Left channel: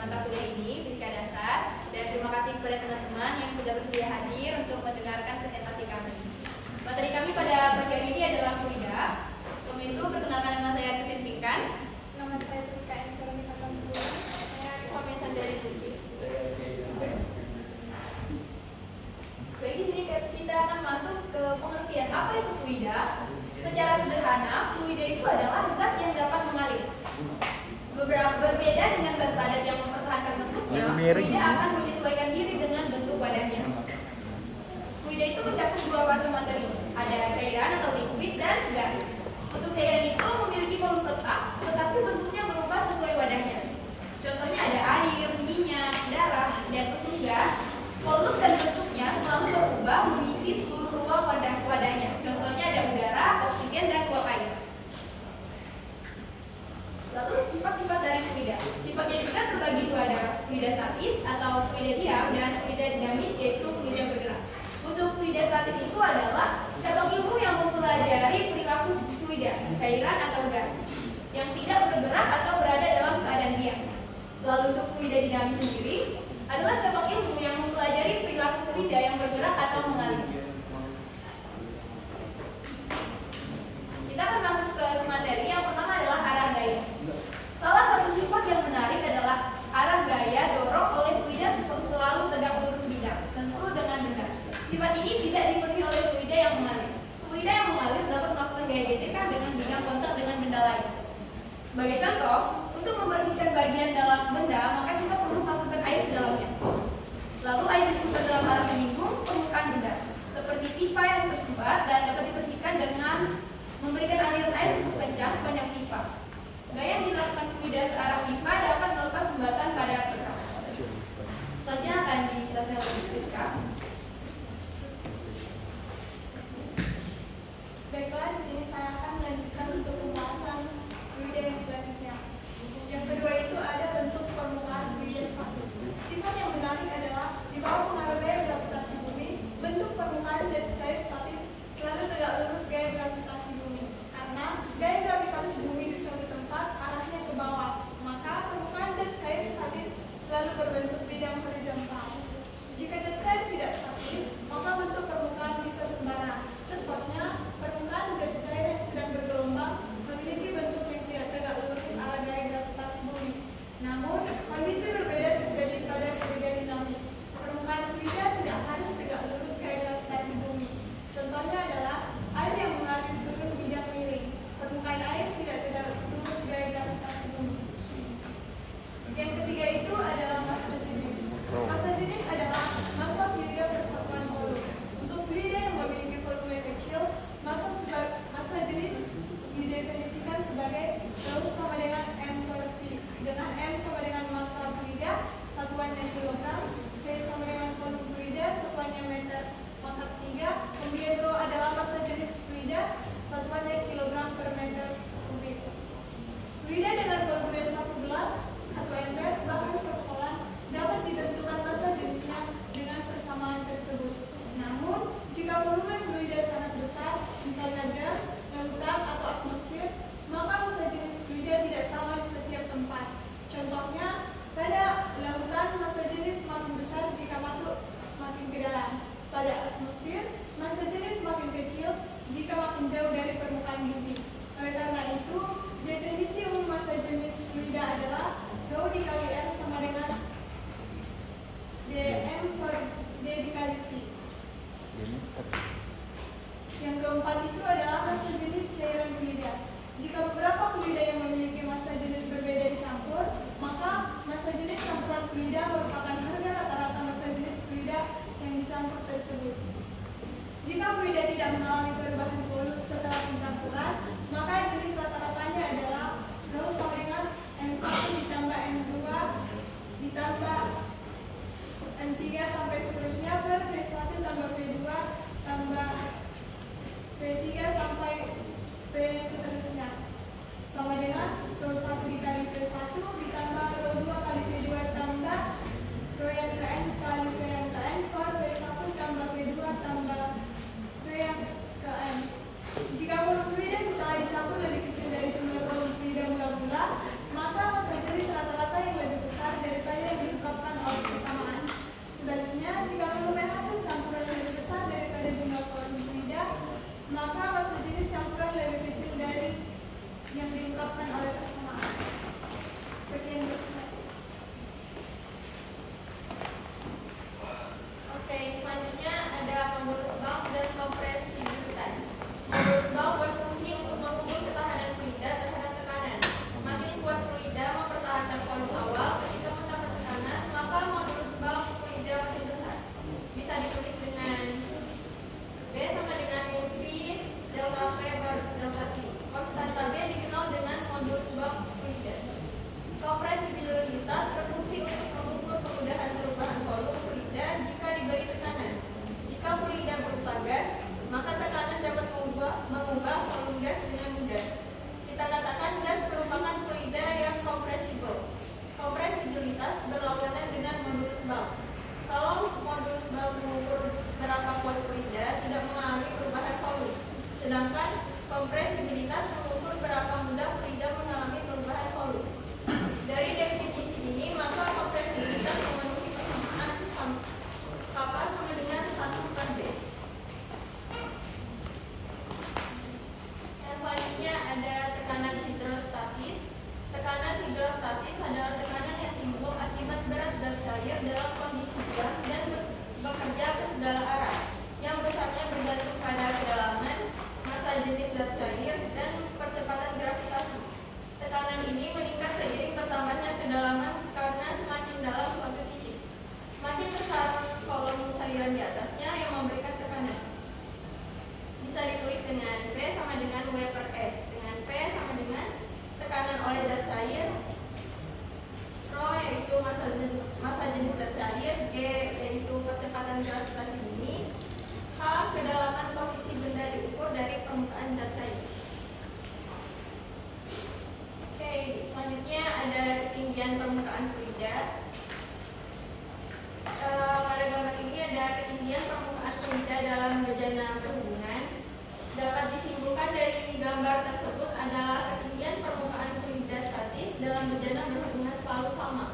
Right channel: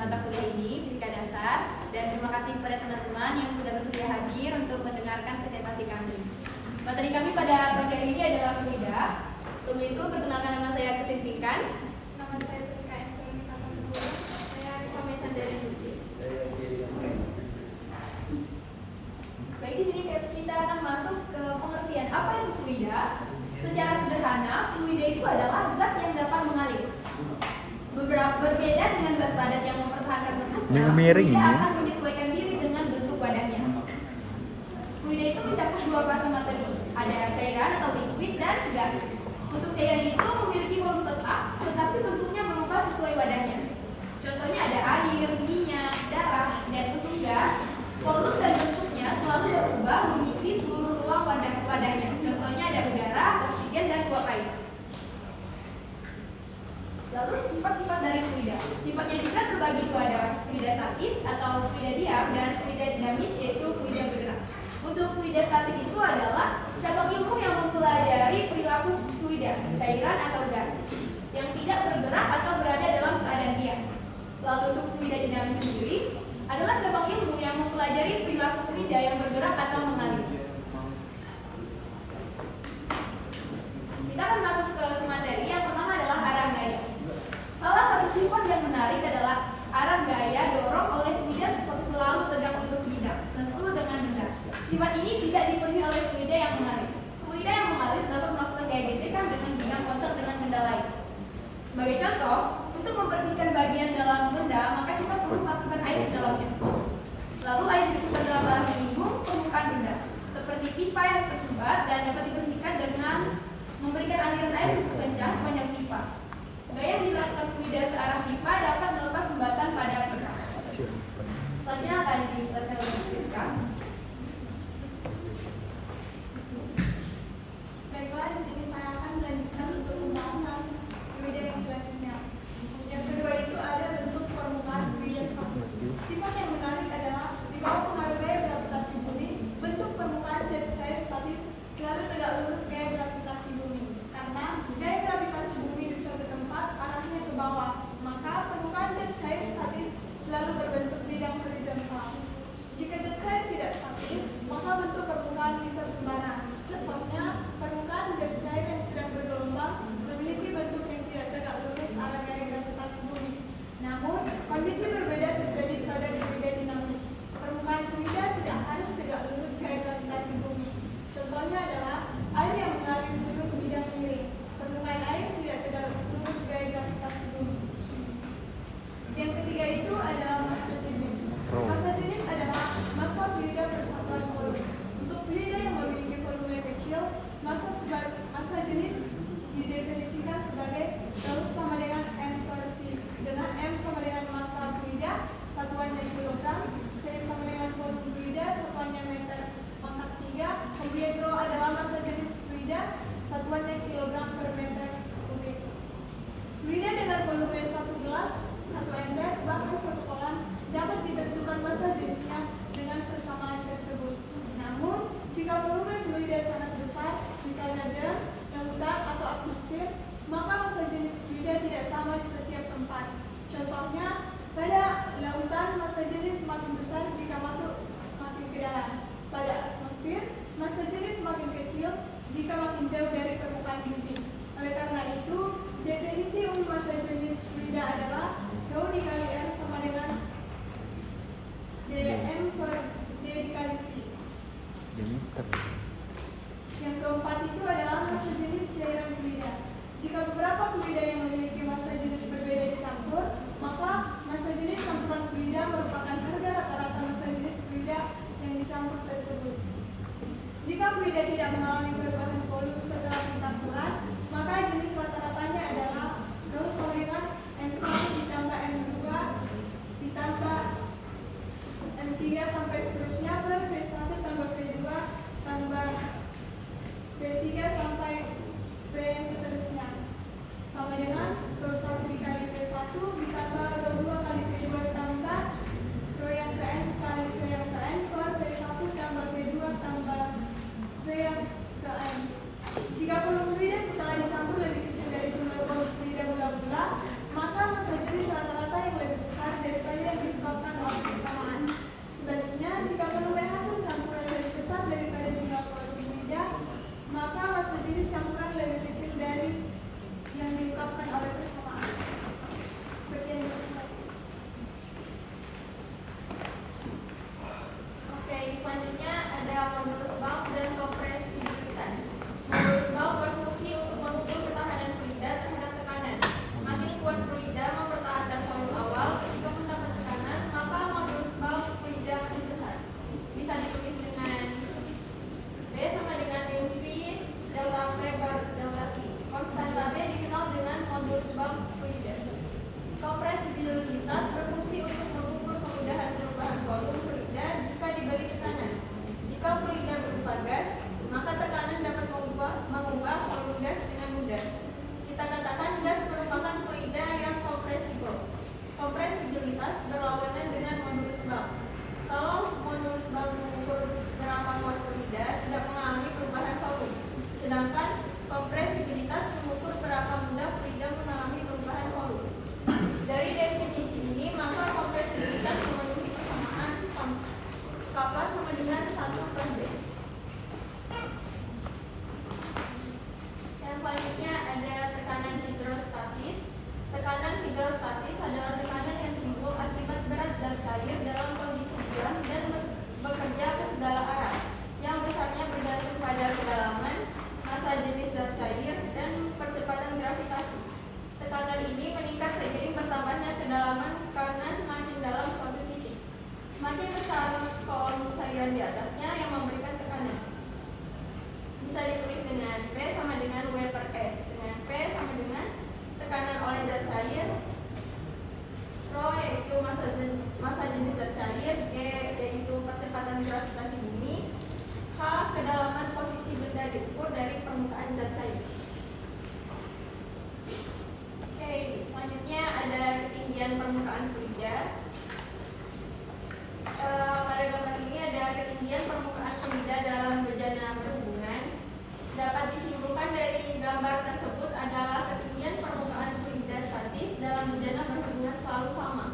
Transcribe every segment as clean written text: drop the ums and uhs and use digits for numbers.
mata kuliah ini, Fisika Dasar, dan terima kasih kepada teman-teman yang sudah bersedia hadir untuk mendengarkan presentasi kami. Materi kami pada pagi hari ini adalah fluida. Sebelum itu, perkenalkan nama saya Kusin Pinkan. Nama saya Rizka Veronica Sambura. Saya Kamesa dari Jogja. Baik, di sini kita akan masuk ke pengertian apa itu fluida. Secara sederhana, fluida itu adalah zat yang dapat mengalir. Berbeda dengan zat padat yang mempertahankan bentuknya, fluida akan menyesuaikan diri dengan bentuk wadahnya. Fluida itu mencakup dua fase materi, ada cairan atau liquid dan gas. Untuk cairan itu memiliki volume tetap, tetapi bentuknya berubah sesuai wadahnya. Contohnya ada air, minyak, darah, dan untuk gas, volume dan bentuknya selalu berubah mengisi seluruh ruang wadahnya. Contohnya ada udara, oksigen, dan uap air. Lalu sifat-sifat dari fluida. Sifatnya juga terbagi dua, ada fluida statis atau fluida diam dan fluida dinamis yaitu fluida bergerak. Untuk fluida statis itu adalah cabang ilmu yang mempelajari perilaku fluida, cairan atau gas yang tidak bergerak atau berada dalam keadaan diam. Lalu untuk fluida dinamis sendiri adalah cabang ilmu yang mempelajari perilaku fluida yang bergerak atau mengalir. Kita akan masuk ke materi. Yang pertama adalah arah gaya. Salah satu sifat yang menarik adalah arah gaya dorong oleh fluida selalu tegak lurus bidang, sentuh dengan benda. Sifat ini tidak dipenuhi oleh fluida yang mengalir. Fluida yang mengalir dapat melakukan gaya gesekan dengan bidang kontak dengan benda lain. Sebagai contoh, untuk membersihkan bagian dalam benda, maka kita perlu masukkan air ke dalamnya. Lalu air diputar dalam arah menyinggung permukaan benda, seperti pipa yang tersumbat dan dapat dibersihkan dengan memberikan aliran air cukup kencang sepanjang pipa. Gaya yang dilakukan fluida searah pipa dapat melepas sumbatan pada pipa. Selanjutnya akan dijelaskan oleh Rizka. Baiklah, di sini saya akan melanjutkan untuk pembahasan fluida yang selanjutnya. Yang kedua itu ada bentuk permukaan fluida statis. Sifat yang menarik adalah di bawah pengaruh gaya gravitasi bumi, bentuk permukaan zat cair statis selalu tegak lurus gaya gravitasi bumi. Karena gaya gravitasi bumi di suatu tempat arahnya ke bawah, maka permukaan zat cair statis selalu berbentuk bidang horizontal. Jika zat cair tidak statis, maka bentuk permukaan bisa sembarang. Contohnya, permukaan zat cair yang sedang bergelombang memiliki bentuk yang tidak tegak lurus arah gaya gravitasi bumi. Namun, kondisi berbeda terjadi pada fluida dinamis. Permukaan fluida tidak harus tegak lurus gaya gravitasi bumi. Contohnya adalah air yang mengalir turun bidang miring. Permukaan air tidak tegak lurus gaya gravitasi bumi. Yang ketiga itu adalah massa jenis. Massa jenis adalah massa fluida persatuan volume. Untuk fluida yang memiliki volume kecil, massa jenis didefinisikan sebagai Rho sama dengan M per V, dengan M sama dengan massa fluida, satuannya kilogram, V sama dengan volume fluida, satuannya meter pangkat 3, kemudian Rho adalah massa jenis fluida, satuannya kilogram per meter kubik. Fluida dengan volume 1 gelas, 1 ember, bahkan 1 kolam dapat ditentukan massa jenisnya dengan persamaan tersebut. Namun, jika volume fluida sangat besar, misalnya gas, lautan, atau atmosfer, maka massa jenis fluida tidak sama di setiap tempat. Contohnya, pada lautan massa jenis makin besar jika masuk makin ke dalam. Pada atmosfer, massa jenis makin kecil jika makin jauh dari permukaan bumi. Oleh karena itu, definisi umum massa jenis fluida adalah Rho dikali R sama dengan dm per d dikali V. Yang keempat itu adalah massa jenis cairan fluida. Jika beberapa fluida yang memiliki massa jenis berbeda dicampur, maka massa jenis campuran fluida merupakan harga rata-rata massa jenis fluida yang dicampur tersebut. Jika fluida tidak mengalami perubahan volume setelah pencampuran, maka jenis rata-ratanya adalah Rho sama dengan M1 ditambah M2 ditambah M3 sampai seterusnya per V1 tambah V2 tambah V3 sampai V yang seterusnya sama dengan Rho 1 dikali V1 ditambah Rho 2 kali V2 tambah Rho yang ke N kali V yang ke N per V1 tambah V2 tambah V yang ke N. Jika volume fluida setelah dicampur lebih kecil dari jumlah volume fluida mula-mula, maka massa jenis rata-rata yang lebih besar daripada yang diungkapkan oleh peserta. Sekian. Oke, selanjutnya ada modulus bulk dan kompresibilitas. Modulus bulk berfungsi untuk mengukur ketahanan fluida terhadap tekanan. Makin kuat fluida mempertahankan volume awal, ketika mendapat tekanan, maka modulus bulk fluida makin besar. Bisa ditulis dengan B sama dengan mu V delta V bar delta T. Konstanta B dikenal dengan modulus bulk fluida. Kompresibilitas berfungsi untuk mengukur kemudahan perubahan volume fluida jika diberi tekanan. Jika fluida berupa gas, maka tekanan dapat mengubah volume gas dengan mudah. Kita katakan gas merupakan fluida yang kompresibel. Kompresibilitas berlawanan dengan modulus bulk. Kalau modulus bulk mengukur berapa kuat fluida tidak mengalami perubahan volume, sedangkan kompresibilitas mengukur berapa mudah fluida mengalami perubahan volume. Dari definisi ini, maka kompresibilitas memenuhi persamaan K sama dengan 1/B. Yang selanjutnya ada tekanan hidrostatis. Tekanan hidrostatis adalah tekanan yang timbul akibat berat zat cair dalam kondisi diam dan bekerja ke segala arah, yang besarnya bergantung pada kedalaman, massa jenis zat cair, dan percepatan gravitasi. Tekanan ini meningkat seiring bertambahnya kedalaman karena semakin dalam suatu titik, semakin besar kolom cairan di atasnya yang memberikan tekanan. Bisa ditulis dengan P sama dengan W per S, dengan P sama dengan tekanan oleh zat cair, Rho yaitu massa jenis zat cair, G yaitu percepatan gravitasi bumi, H kedalaman posisi benda diukur dari permukaan zat cair. Oke, selanjutnya ada ketinggian permukaan fluida. Pada gambar ini ada ketinggian permukaan fluida dalam bejana berhubungan. Dapat disimpulkan dari gambar tersebut adalah ketinggian permukaan fluida statis dalam bejana berhubungan selalu sama.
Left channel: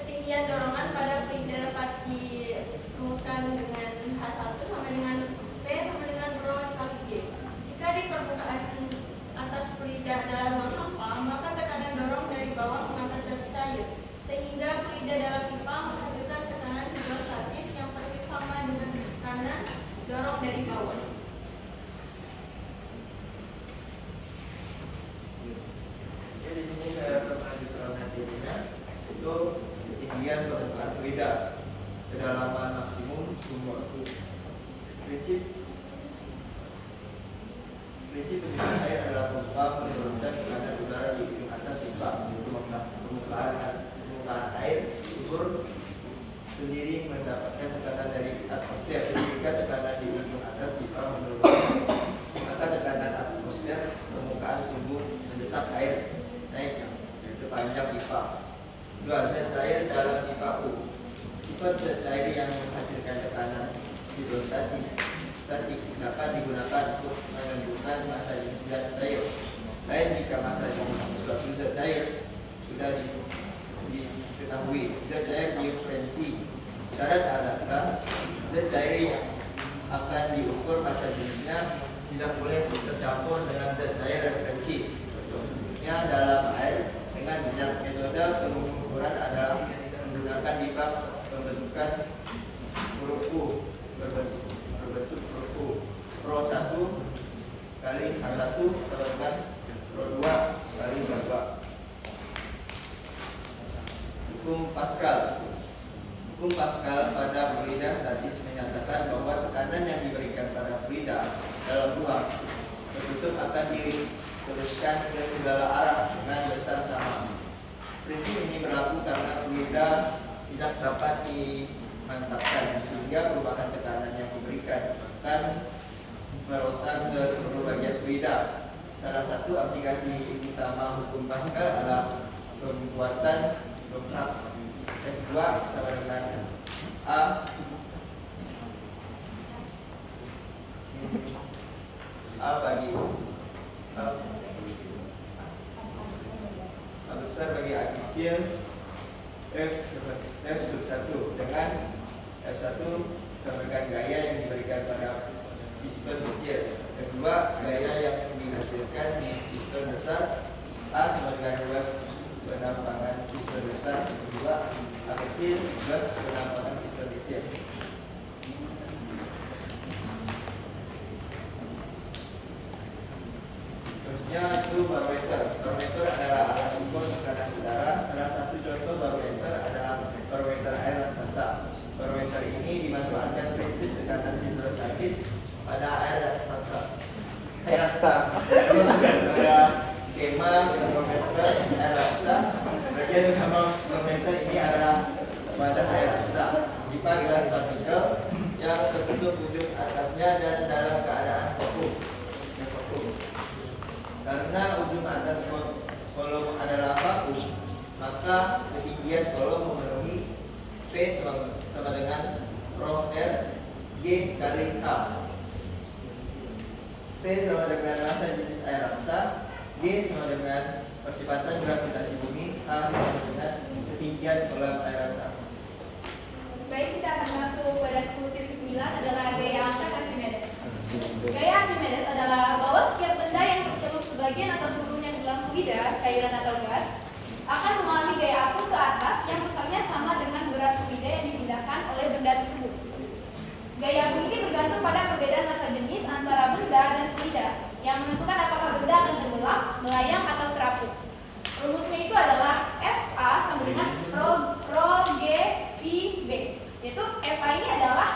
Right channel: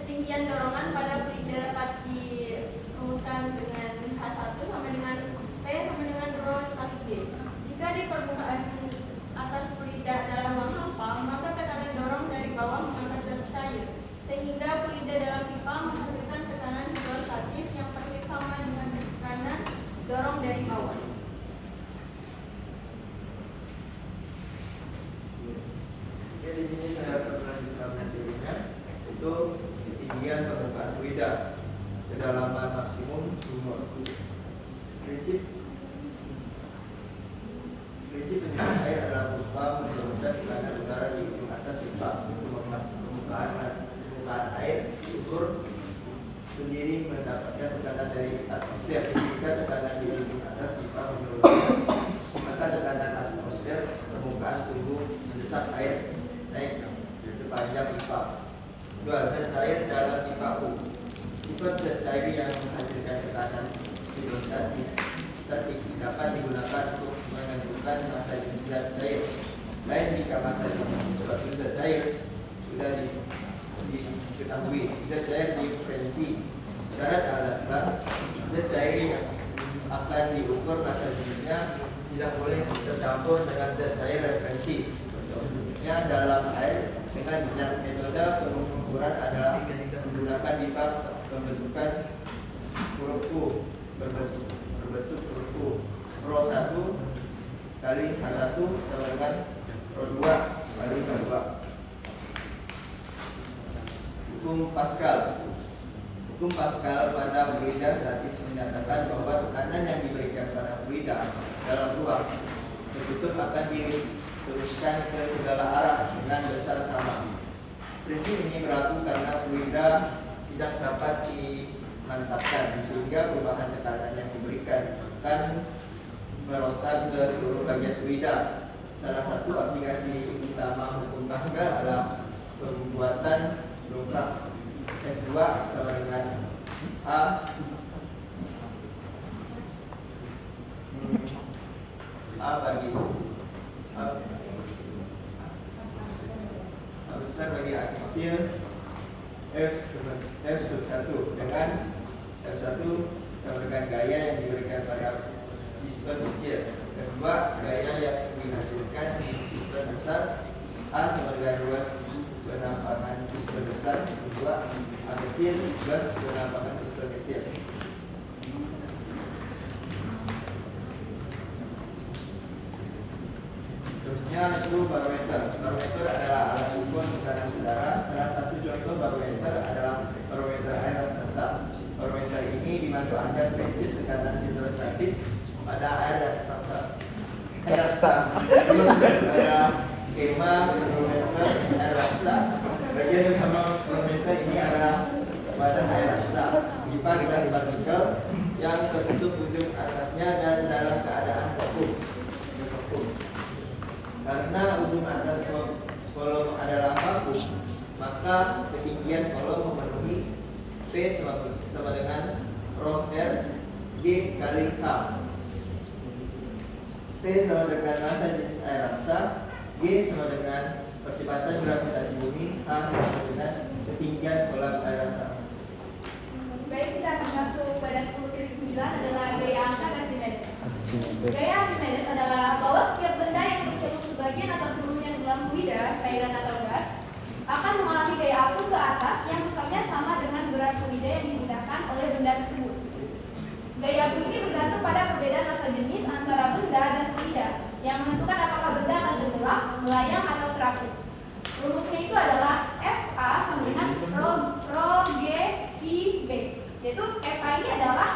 Ketinggian dorongan pada fluida dapat dirumuskan dengan H1 sama dengan P sama dengan Rho dikali G. Jika di permukaan atas fluida dalam ruang hampa, maka tekanan dorong dari bawah mengangkat zat cair, sehingga fluida dalam pipa menghasilkan tekanan hidrostatis yang persis sama dengan tekanan dorong dari bawah. Jadi di sini saya akan melanjutkan materinya, itu ketinggian permukaan fluida, kedalaman maksimum sumber waktu. Prinsip penyediaan air adalah berupa menurunkan tekanan udara di ujung atas pipa, yaitu permukaan air ukur sendiri mendapatkan tekanan dari atmosfer. Jika tekanan di ujung atas pipa menurun, maka tekanan atmosfer permukaan sumbu mendesak air naik sepanjang pipa. Dua, zat cair dalam pipa U. Sifat zat cair yang menghasilkan tekanan hidrostatis statik dapat digunakan untuk menentukan massa jenis zat cair. Lain jika massa jenis suatu zat cair sudah diketahui, zat cair diferensi. Syarat adalah zat cair yang akan diukur massa jenisnya tidak boleh tercampur dengan zat cair referensi. Yang dalam air dengan metode pengukuran adalah menggunakan pipa pembentukan huruf U berbentuk huruf U. Rho 1 kali H1 sama dengan Rho 2 kali H2. Hukum Pascal. Hukum Pascal pada fluida statis menyatakan bahwa tekanan yang diberikan pada fluida dalam ruang tertutup akan diteruskan ke segala arah dengan besar sama. Prinsip ini berlaku karena fluida tidak dapat dimantapkan, sehingga perubahan tekanan yang diberikan akan meronta ke seluruh bagian fluida. Salah satu aplikasi utama hukum Pascal adalah pembuatan dongkrak. F2 sama dengan A bagi A besar bagi A kecil F sub 1 dengan F1 sama dengan gaya yang diberikan pada piston kecil. F2 gaya yang besar, A sama dengan luas penampakan piston besar. Kedua, A kecil luas penampakan piston kecil. Terusnya itu barometer. Barometer adalah alat ukur tekanan udara. Salah satu contoh barometer adalah barometer air raksasa. Barometer ini dimanfaatkan prinsip tekanan hidrostatis pada air raksasa. Pada skema barometer air raksasa, bagian utama barometer ini adalah wadah air raksasa. Pipa gelas partikel yang tertutup ujung atasnya dan dalam keadaan vakum. Karena ujung atas kolom adalah vakum, maka ketinggian kolom memenuhi P sama dengan rho R G kali H. P sama dengan massa jenis air raksa, G sama dengan percepatan gravitasi bumi, H sama dengan ketinggian kolam air raksa. Baik, kita akan masuk pada 10.9 adalah gaya angkat Archimedes. Gaya Archimedes adalah bahwa setiap benda yang tercelup sebagian atau seluruhnya di dalam fluida, cairan atau gas akan mengalami gaya apung ke atas yang besarnya sama dengan berat fluida yang dipindahkan oleh benda tersebut. Gaya apung ini bergantung pada perbedaan massa jenis antara benda dan fluida yang menentukan apakah benda akan tenggelam, melayang atau terapung. Rumusnya itu adalah FA sama dengan rho G V B, yaitu FA ini adalah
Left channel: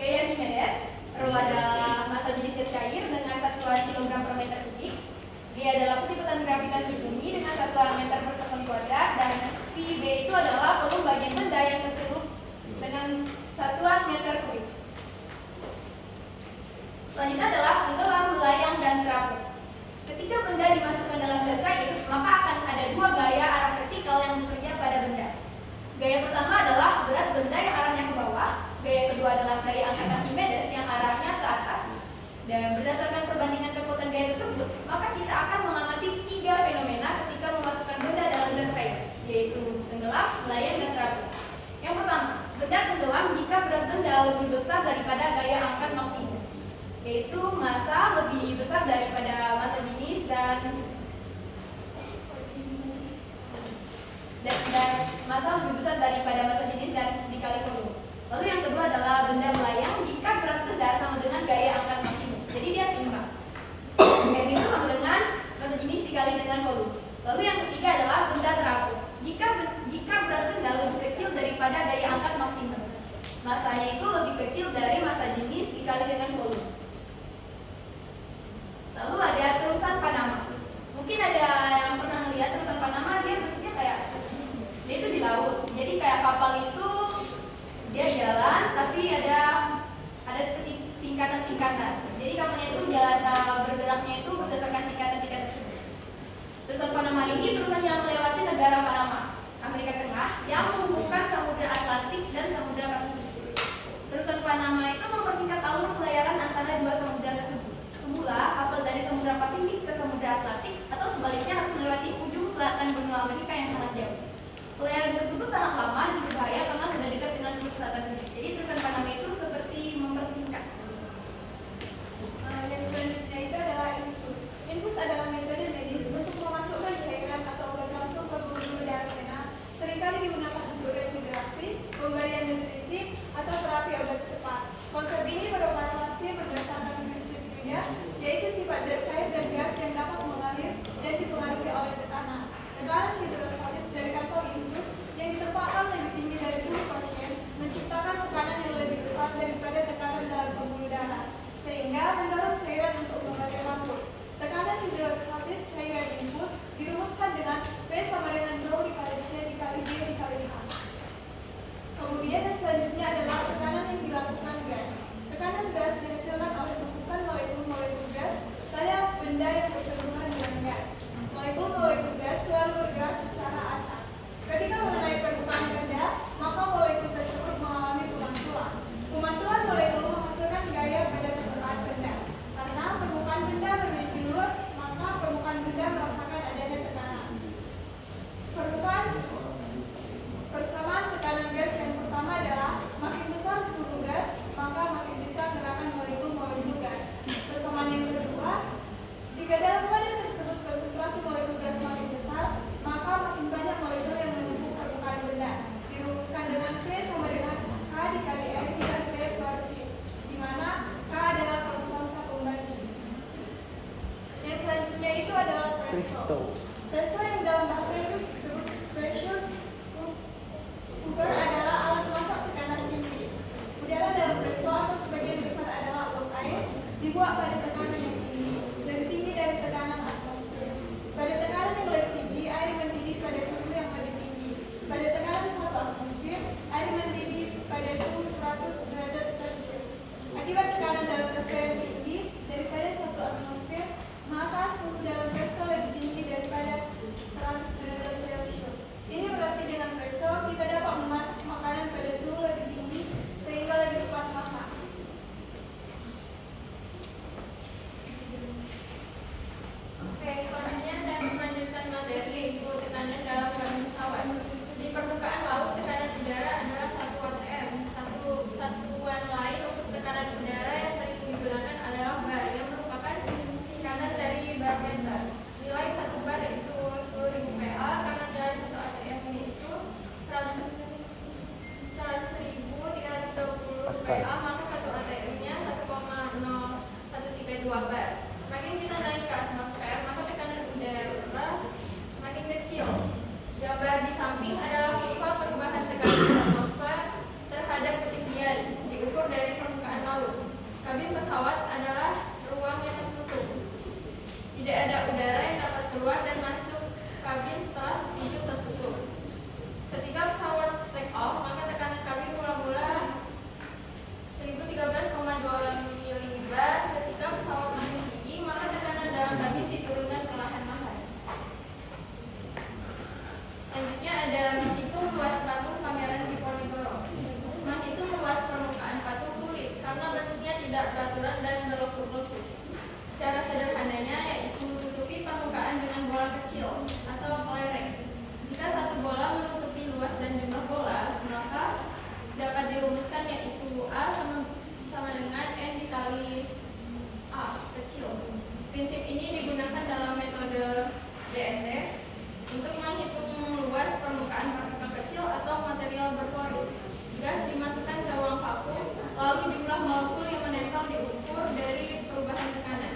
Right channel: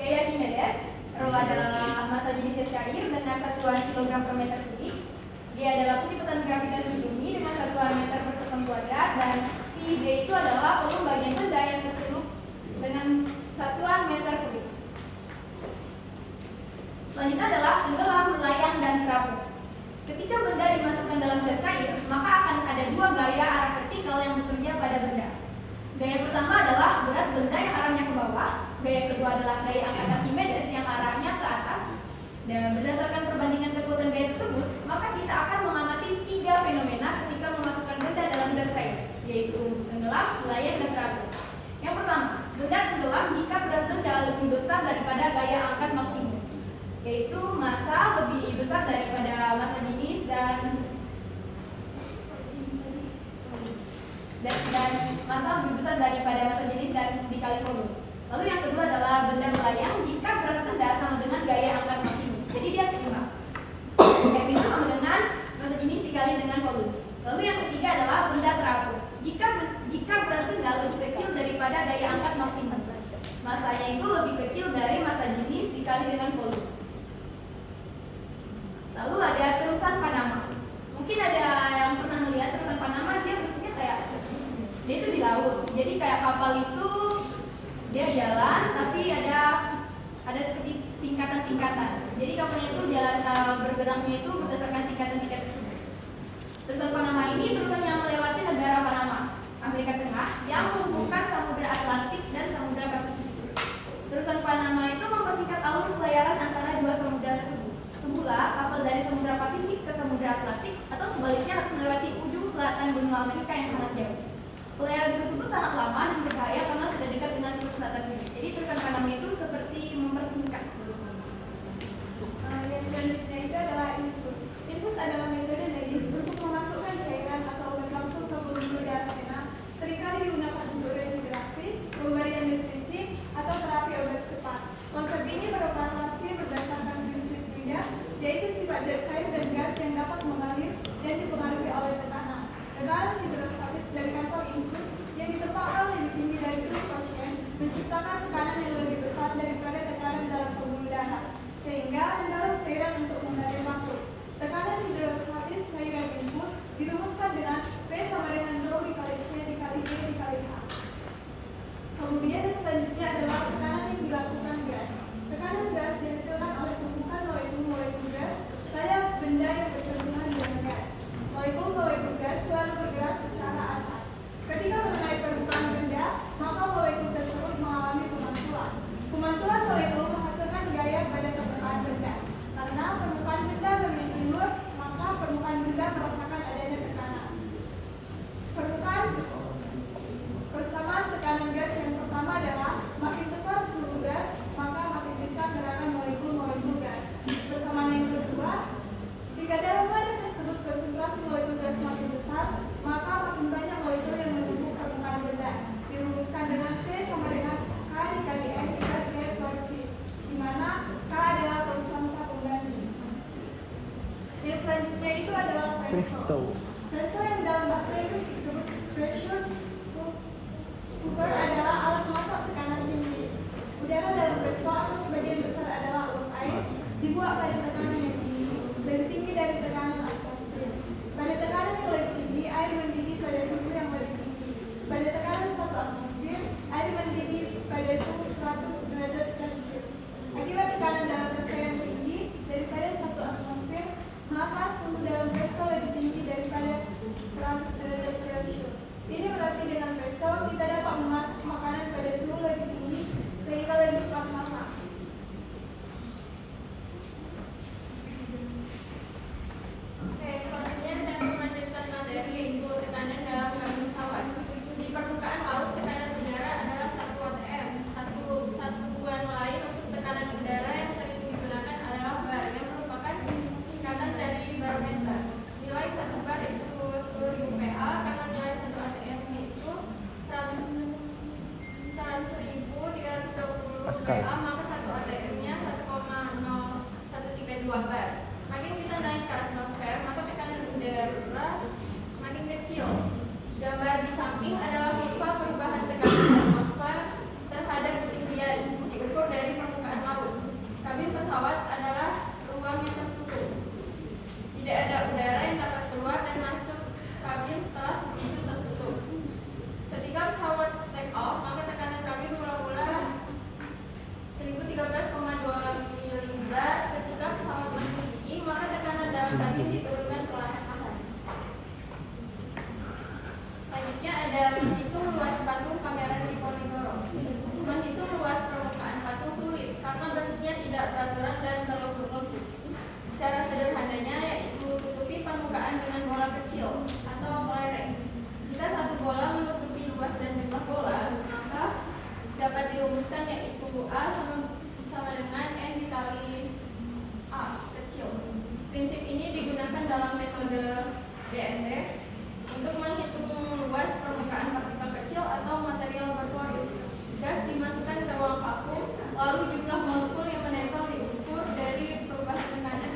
gaya Archimedes. Rho adalah massa jenis gas cair dengan satuan kilogram per meter kubik. Dia adalah kecepatan gravitasi bumi dengan satuan meter per sekon kuadrat, dan VB itu adalah volume bagian benda yang tercelup dengan satuan meter kubik. Selanjutnya adalah tenggelam, melayang, dan terapung. Ketika benda dimasukkan dalam zat cair, maka akan ada dua gaya arah vertikal yang bekerja pada benda. Gaya pertama adalah berat benda yang arahnya ke bawah. Gaya kedua adalah gaya angkat Archimedes yang arahnya ke atas. Dan berdasarkan perbandingan kekuatan gaya tersebut, maka kita akan mengamati tiga fenomena ketika memasukkan benda dalam zat cair, yaitu tenggelam, melayang, dan terapung. Yang pertama, benda tenggelam jika berat benda lebih besar daripada gaya angkat maksimum, yaitu massa lebih besar daripada massa jenis dan massa lebih besar daripada massa jenis dan dikali volume. Lalu yang kedua adalah benda melayang jika berat benda sama dengan gaya angkat maksimum. Jadi dia seimbang. F itu sama dengan massa jenis dikali dengan volume. Lalu yang ketiga adalah benda terapung. Jika berat benda lebih kecil daripada gaya angkat maksimum, massanya itu lebih kecil dari massa jenis dikali dengan volume. Lalu ada terusan Panama. Mungkin ada yang pernah melihat terusan Panama, dia bentuknya kayak dia itu di laut. Jadi kayak kapal itu dia jalan, tapi ada seperti tingkatan-tingkatan. Jadi kapalnya itu jalan bergeraknya itu berdasarkan tingkatan-tingkatan tersebut. Terusan Panama ini terusan yang melewati negara Panama, Amerika Tengah, yang menghubungkan Samudra Atlantik dan Samudra Pasifik. Terusan Panama itu mempersingkat alur pelayaran antara dua samudra tersebut. Semula kapal dari Samudra Pasifik ke Samudra Atlantik atau sebaliknya harus melewati ujung selatan benua Amerika yang sangat jauh. Pelayaran tersebut sangat lama dan berbahaya karena sudah dekat dengan Teluk Selatan Dunia. Jadi terusan Panama itu seperti mempersingkat. Yang selanjutnya itu adalah infus. Infus adalah metode medis untuk memasukkan cairan atau obat langsung ke pembuluh darah vena. Seringkali digunakan untuk rehidrasi, pemberian nutrisi, atau terapi obat cepat. Konsep ini beroperasi berdasarkan prinsip Brida, yaitu sifat zat cair dan gas yang dapat mengalir dan dipengaruhi oleh tekanan. Tekanan hidrostatis dari kantong infus yang ditempatkan lebih tinggi dari tubuh pasien menciptakan Presto yang dalam bahasa Inggris disebut pressure cooker adalah alat masak tekanan tinggi. Udara dalam presto atau sebagian besar adalah uap air dibuat pada tekanan yang tinggi, lebih tinggi dari tekanan atmosfer. Pada tekanan yang lebih tinggi, air mendidih pada suhu yang lebih tinggi. Pada tekanan 1 atmosfer, air mendidih pada suhu 100 derajat Celcius. Akibat tekanan dalam presto yang tinggi daripada 1 atmosfer, maka suhu dalam presto lebih tinggi daripada 100 derajat Celcius. Ini berarti dengan presto kita dapat memasak makanan pada suhu lebih tinggi sehingga lebih cepat matang. Oke, selanjutnya saya melanjutkan materi yaitu tekanan dalam garam pesawat. Di permukaan laut, tekanan udara adalah 1 atm. Satuan lain untuk tekanan udara yang sering digunakan adalah bar, yang merupakan singkatan dari barometer. Nilai 1 bar yaitu 10.000 PA, karena nilai 1 atm itu 100.320 PA, maka 1 atm-nya 1,0132 bar. Makin kita naik ke atmosfer, maka tekanan udara makin kecil. Gambar di samping adalah kurva perubahan tekanan atmosfer terhadap ketinggian diukur dari permukaan laut. Kabin pesawat adalah ruang yang tertutup. Tidak ada udara yang dapat keluar dan masuk kabin setelah pintu tertutup. Ketika pesawat take off, maka tekanan kabin mula-mula 1013,2 milibar. Ketika pesawat masih tinggi, maka tekanan dalam kabin diturunkan perlahan-lahan. Selanjutnya ada menghitung luas patung Pangeran Diponegoro. Menghitung luas permukaan patung sulit karena bentuknya tidak beraturan dan berlekuk-lekuk. Cara sederhananya yaitu tutupi permukaan dengan bola kecil atau kelereng. Jika satu bola menutupi luas dan jumlah bola, maka dapat dirumuskan yaitu A sama dengan N dikali A kecil. Prinsip ini digunakan dalam metode BNT untuk menghitung luas permukaan partikel kecil atau material berpori. Gas dimasukkan ke ruang vakum, lalu jumlah molekul yang menempel diukur dari perubahan tekanan.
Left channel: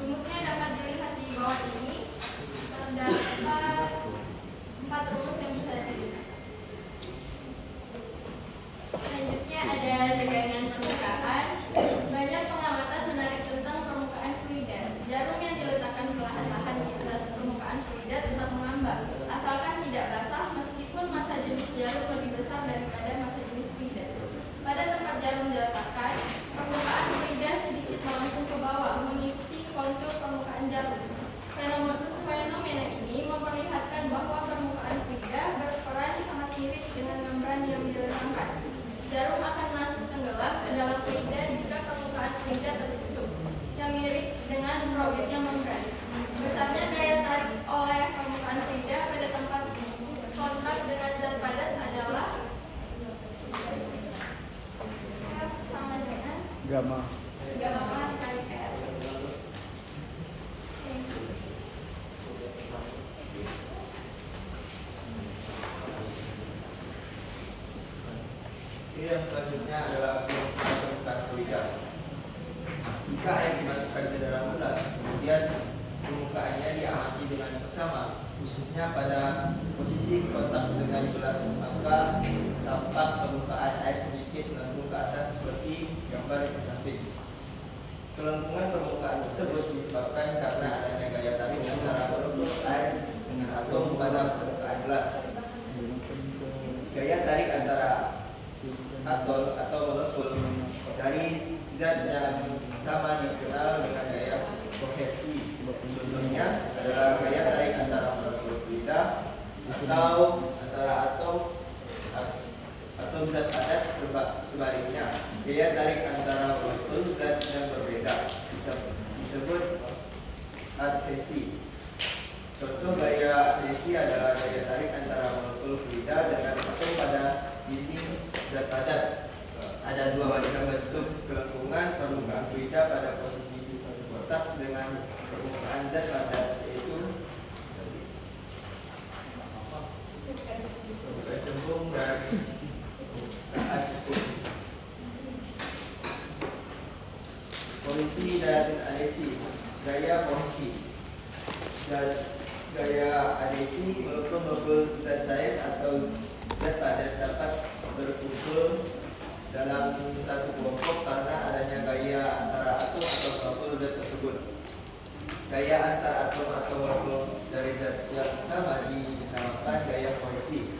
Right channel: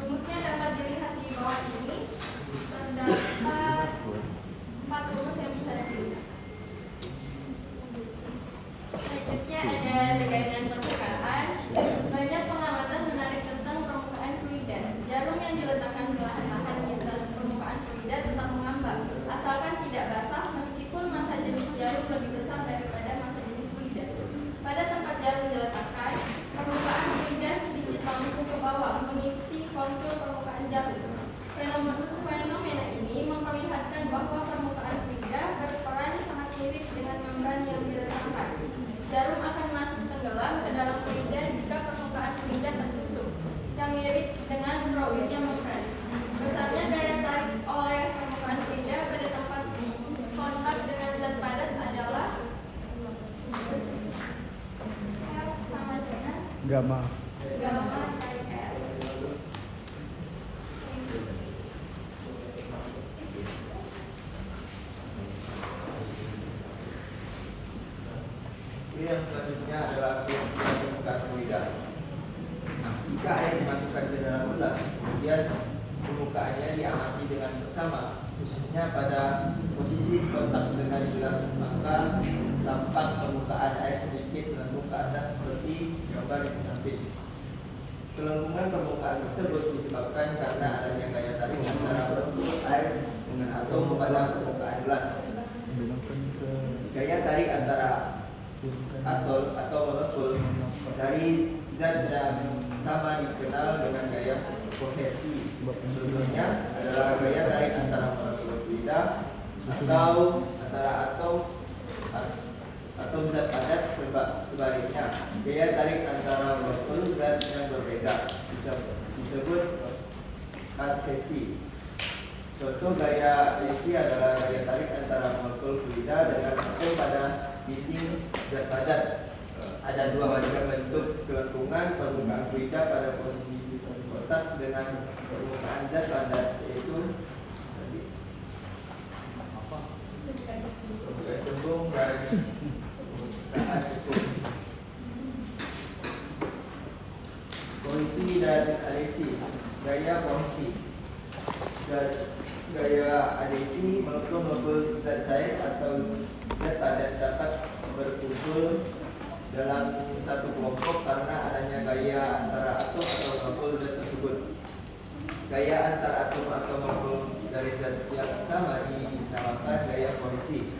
Rumusnya dapat dilihat di bawah ini. Terdapat 4 rumus yang bisa dilihat. Selanjutnya ada tegangan permukaan. Banyak pengamatan menarik tentang permukaan fluida. Jarum yang diletakkan perlahan-lahan di atas permukaan fluida tetap mengambang, asalkan tidak basah meskipun massa jenis jarum lebih besar daripada massa jenis fluida. Pada tempat jarum diletakkan, permukaan fluida sedikit langsung ke bawah mengikuti kontur permukaan jarum. Fenomena ini memperlihatkan bahwa permukaan fluida berperan sangat mirip dengan membran yang diletakkan. Jarum akan masuk tenggelam ke dalam fluida jika permukaan fluida tertusuk, yang mirip dengan rawitnya membran. Besarnya daya tarik oleh permukaan fluida pada tempat kontak dengan zat padat adalah F sama dengan gamma dikali R. Ini yang selanjutnya adalah permukaan fluida. Jika air dimasukkan ke dalam gelas, kemudian permukaannya diamati dengan seksama, khususnya pada posisi kontak dengan gelas, maka tampak permukaan air sedikit melengkung ke atas seperti gambar di samping. Kelengkungan permukaan tersebut disebabkan karena adanya gaya tarik antara molekul air dengan atom pada permukaan gelas. Gaya tarik antara atom atau molekul dari zat yang sama dikenal dengan gaya kohesi. Contohnya adalah gaya tarik antara molekul fluida atau antara atom zat padat. Sebaliknya, gaya tarik antara molekul zat yang berbeda disebut adhesi. Contoh gaya adhesi adalah gaya tarik antara molekul fluida dengan atom pada dinding zat padat. Ada 2 macam bentuk kelengkungan permukaan fluida pada posisi kontak dengan permukaan zat padat, yaitu permukaan cembung dan permukaan cekung. Kohesi dan adhesi. Gaya kohesi. zat gaya adhesi molekul zat cair atau zat padat dapat berkumpul dalam satu kelompok karena adanya gaya antara atom atau molekul zat tersebut. Gaya antara atom atau molekul dari zat yang sama dinamakan gaya kohesi.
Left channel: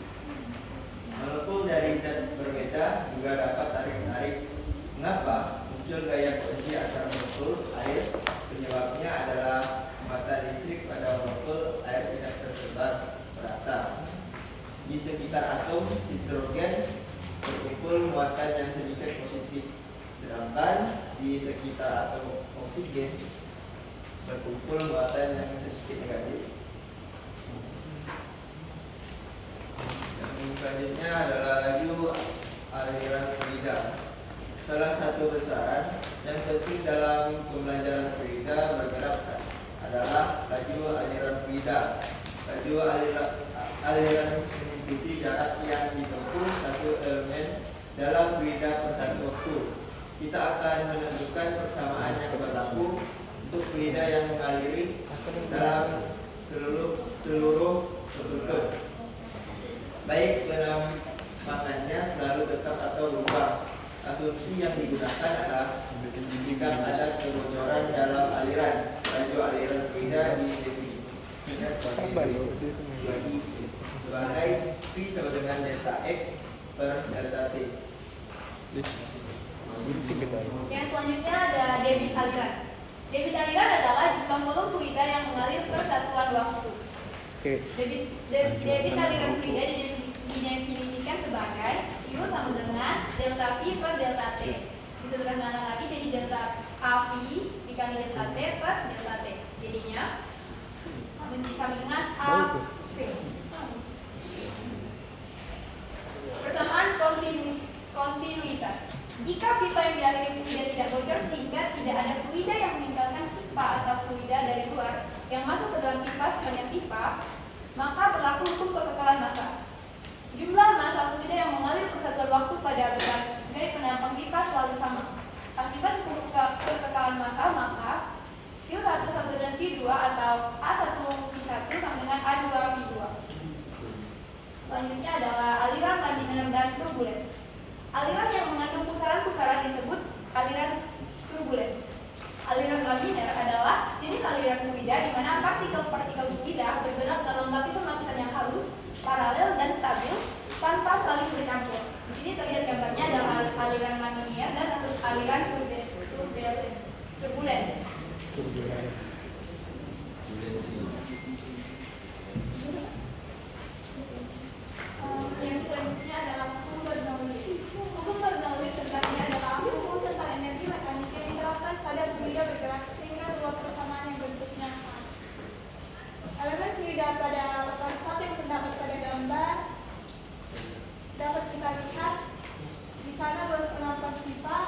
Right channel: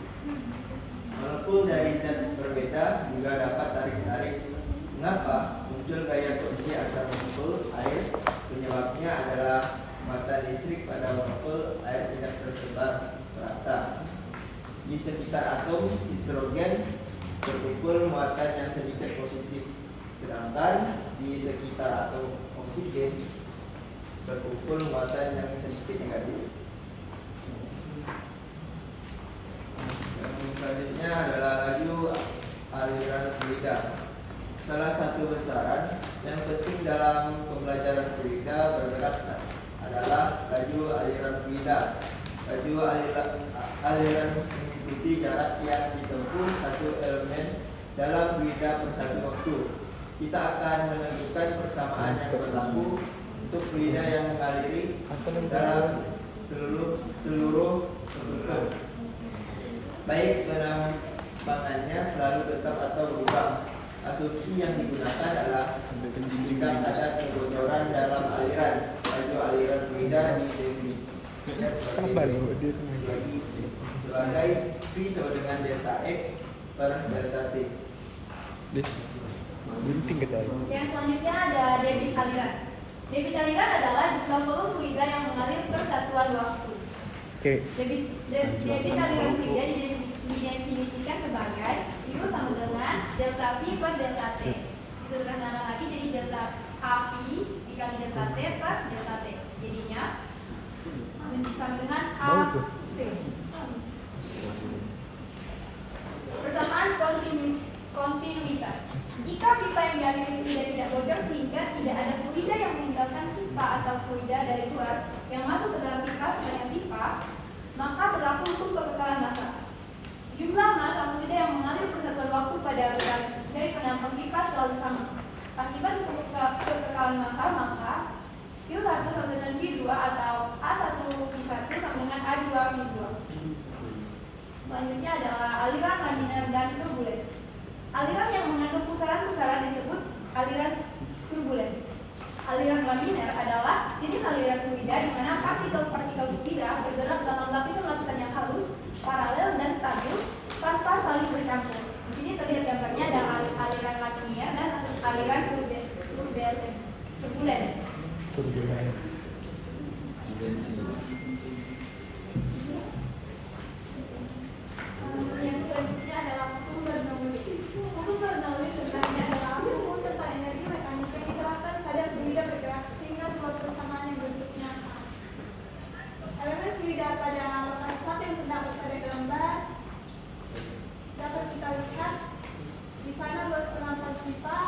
Molekul dari zat berbeda juga dapat tarik-tarik. Mengapa muncul gaya kohesi antar molekul air? Penyebabnya adalah muatan listrik pada molekul air tidak tersebar merata. Di sekitar atom hidrogen berkumpul muatan yang sedikit positif, sedangkan di sekitar atom oksigen berkumpul muatan yang sedikit negatif. Yang selanjutnya adalah laju aliran fluida. Salah satu besaran yang penting dalam pembelajaran fluida bergerak adalah laju aliran fluida. Laju aliran mengikuti jarak yang ditempuh satu elemen dalam fluida per satu waktu. Kita akan menentukan persamaan yang berlaku untuk fluida yang mengaliri dalam seluruh tutup, baik penambangannya selalu tetap atau berubah. Asumsi yang digunakan adalah jika ada kebocoran dalam aliran, laju aliran fluida didefinisikan sebagai V sama dengan delta X per delta T. Yang selanjutnya ada debit aliran. Debit aliran adalah jumlah volume fluida yang mengalir per satuan waktu. Debit aliran fluida didefinisikan sebagai U sama dengan delta V per delta T. Disederhanakan lagi jadi delta AV dikali delta T per delta T. Jadinya sama dengan AV. Persamaan kontinuitas. Jika pipa yang dialiri fluida tidak bocor sehingga tidak ada fluida yang meninggalkan pipa atau fluida dari luar yang masuk ke dalam pipa sepanjang pipa, maka berlaku hukum kekekalan massa. Jumlah massa fluida yang mengalir persatuan waktu pada berbagai penampang pipa selalu sama. Akibat kekekalan massa, maka Q1 sama dengan V2 atau A1V1 sama dengan A2V2. Selanjutnya adalah aliran laminar dan turbulen. Aliran yang mengandung pusaran-pusaran disebut aliran turbulen. Aliran laminar adalah jenis aliran fluida di mana partikel-partikel fluida bergerak dalam lapisan-lapisan yang halus, paralel dan stabil tanpa saling bercampur. Di sini terlihat gambarnya ada aliran laminar dan aliran turbulen. Yang selanjutnya adalah hukum Bernoulli. Hukum Bernoulli sebenarnya adalah hukum tentang energi mekanika yang diterapkan pada fluida bergerak sehingga dua persamaan yang bentuknya pas. Elemen fluida pada lokasi satu yang terdapat pada gambar dapat kita lihat di sana luas penampang pipa,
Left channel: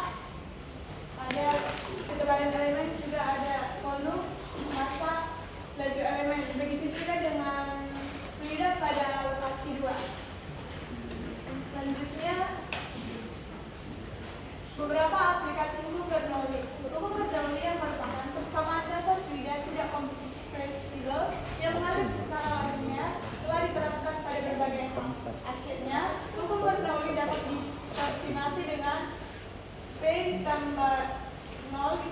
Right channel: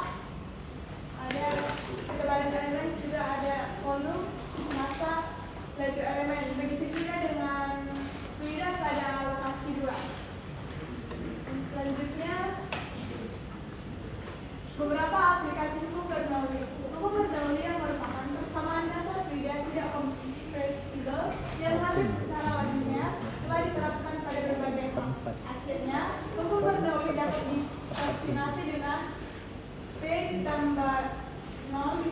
ada ketebalan elemen, juga ada volume, massa, laju elemen. Begitu juga dengan fluida pada lokasi 2. Selanjutnya, beberapa aplikasi hukum Bernoulli. Hukum Bernoulli yang merupakan persamaan dasar fluida tidak kompresibel yang mengalir secara laminar telah diterapkan pada berbagai hal. Akhirnya, hukum Bernoulli dapat diaplikasi dengan P tambah 0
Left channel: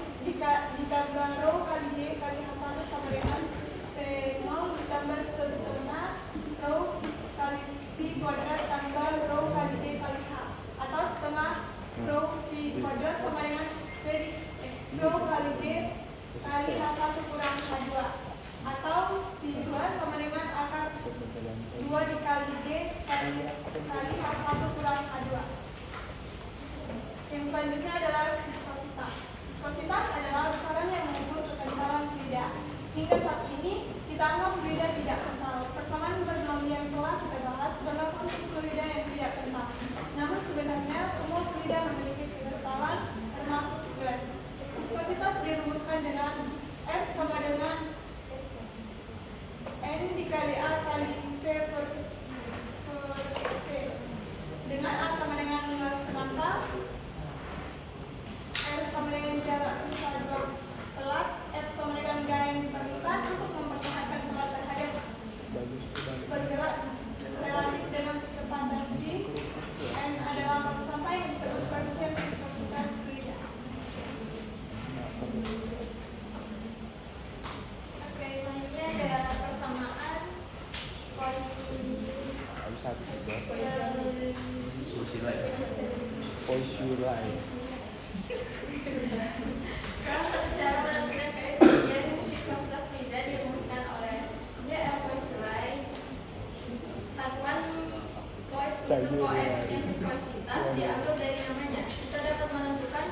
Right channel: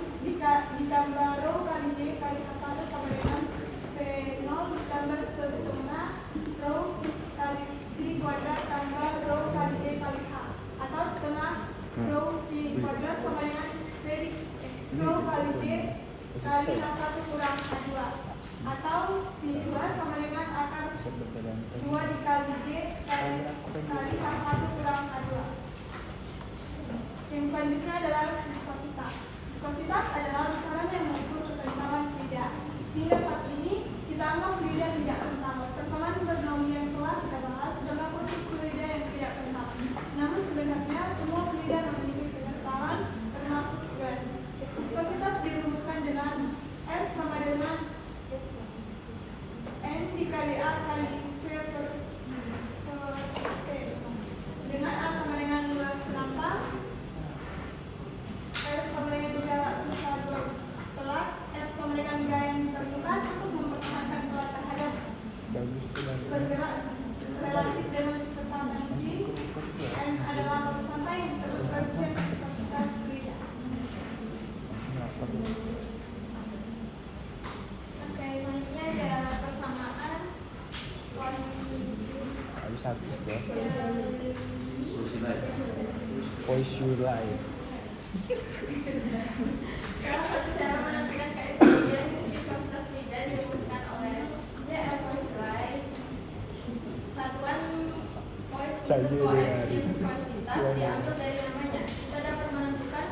ditambah rho kali D kali H1 sama dengan P0 ditambah setengah rho kali V kuadrat tambah rho kali D kali H, atau setengah rho V kuadrat sama dengan rho kali D kali H1 kurang H2, atau V2 sama dengan akar 2 dikali D kali H1 kurang H2. Yang selanjutnya adalah viskositas. Viskositas adalah besaran yang mengukur kekentalan fluida. Hingga saat ini kita anggap fluida tidak kental. Persamaan Bernoulli yang telah kita bahas berlaku untuk fluida yang tidak kental. Namun sebenarnya semua fluida memiliki kekentalan termasuk gas. Viskositas dirumuskan dengan F sama dengan N dikali A kali V per T, dengan A sama dengan luas penampang, R sama dengan jarak pisah dua pelak, F sama dengan gaya yang diperlukan untuk mempertahankan bergerak relatif dengan kecepatan v, n adalah konstanta yang disebut koefisien viskositas fluida. Oke, selanjutnya ada persamaan salah satu cara menentukan koefisien viskositas fluida dirumuskan oleh J.L. Poiseuille. Satuan untuk koefisien viskositas diambil dari namanya. Kita dapat menentukan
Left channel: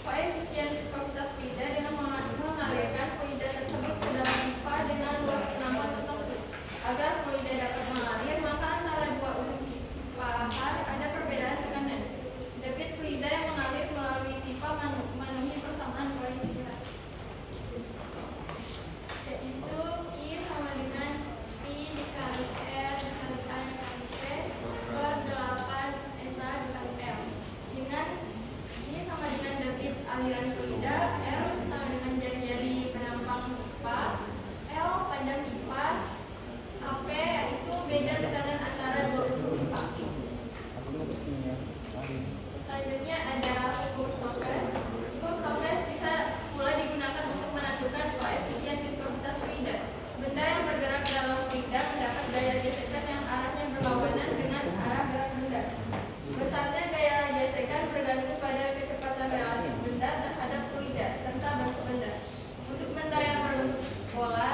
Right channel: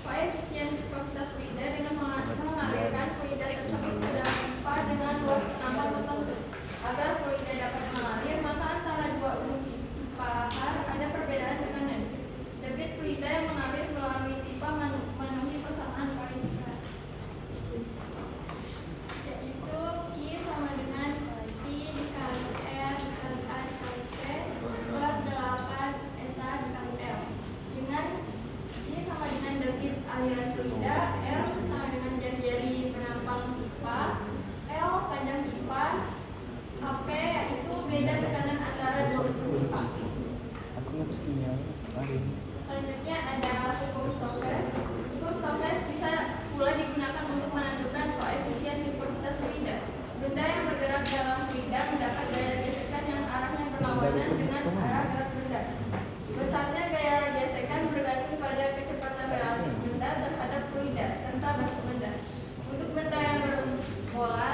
koefisien viskositas fluida dengan mengalirkan fluida tersebut ke dalam pipa dengan luas penambah tertentu. Agar fluida dapat mengalir, maka antara dua ujung pipa ada perbedaan tekanan. Debit fluida yang mengalir melalui pipa memenuhi persamaan Poiseuille, yaitu Q sama dengan P dikali R dikali A dikali C per 8 eta dikali L. Dengan Q sama dengan debit aliran fluida, R sama dengan jari-jari penampang pipa, L panjang pipa, AP yaitu beda tekanan antara dua ujung pipa. Selanjutnya ada hukum Stokes. Hukum Stokes bisa pula digunakan untuk menentukan koefisien viskositas fluida. Benda yang bergerak dalam fluida mendapat gaya gesekan yang arahnya berlawanan dengan arah gerak benda. Besarnya gaya gesekan bergantung pada kecepatan relatif benda terhadap fluida serta bentuk benda. Untuk benda yang berbentuk bola,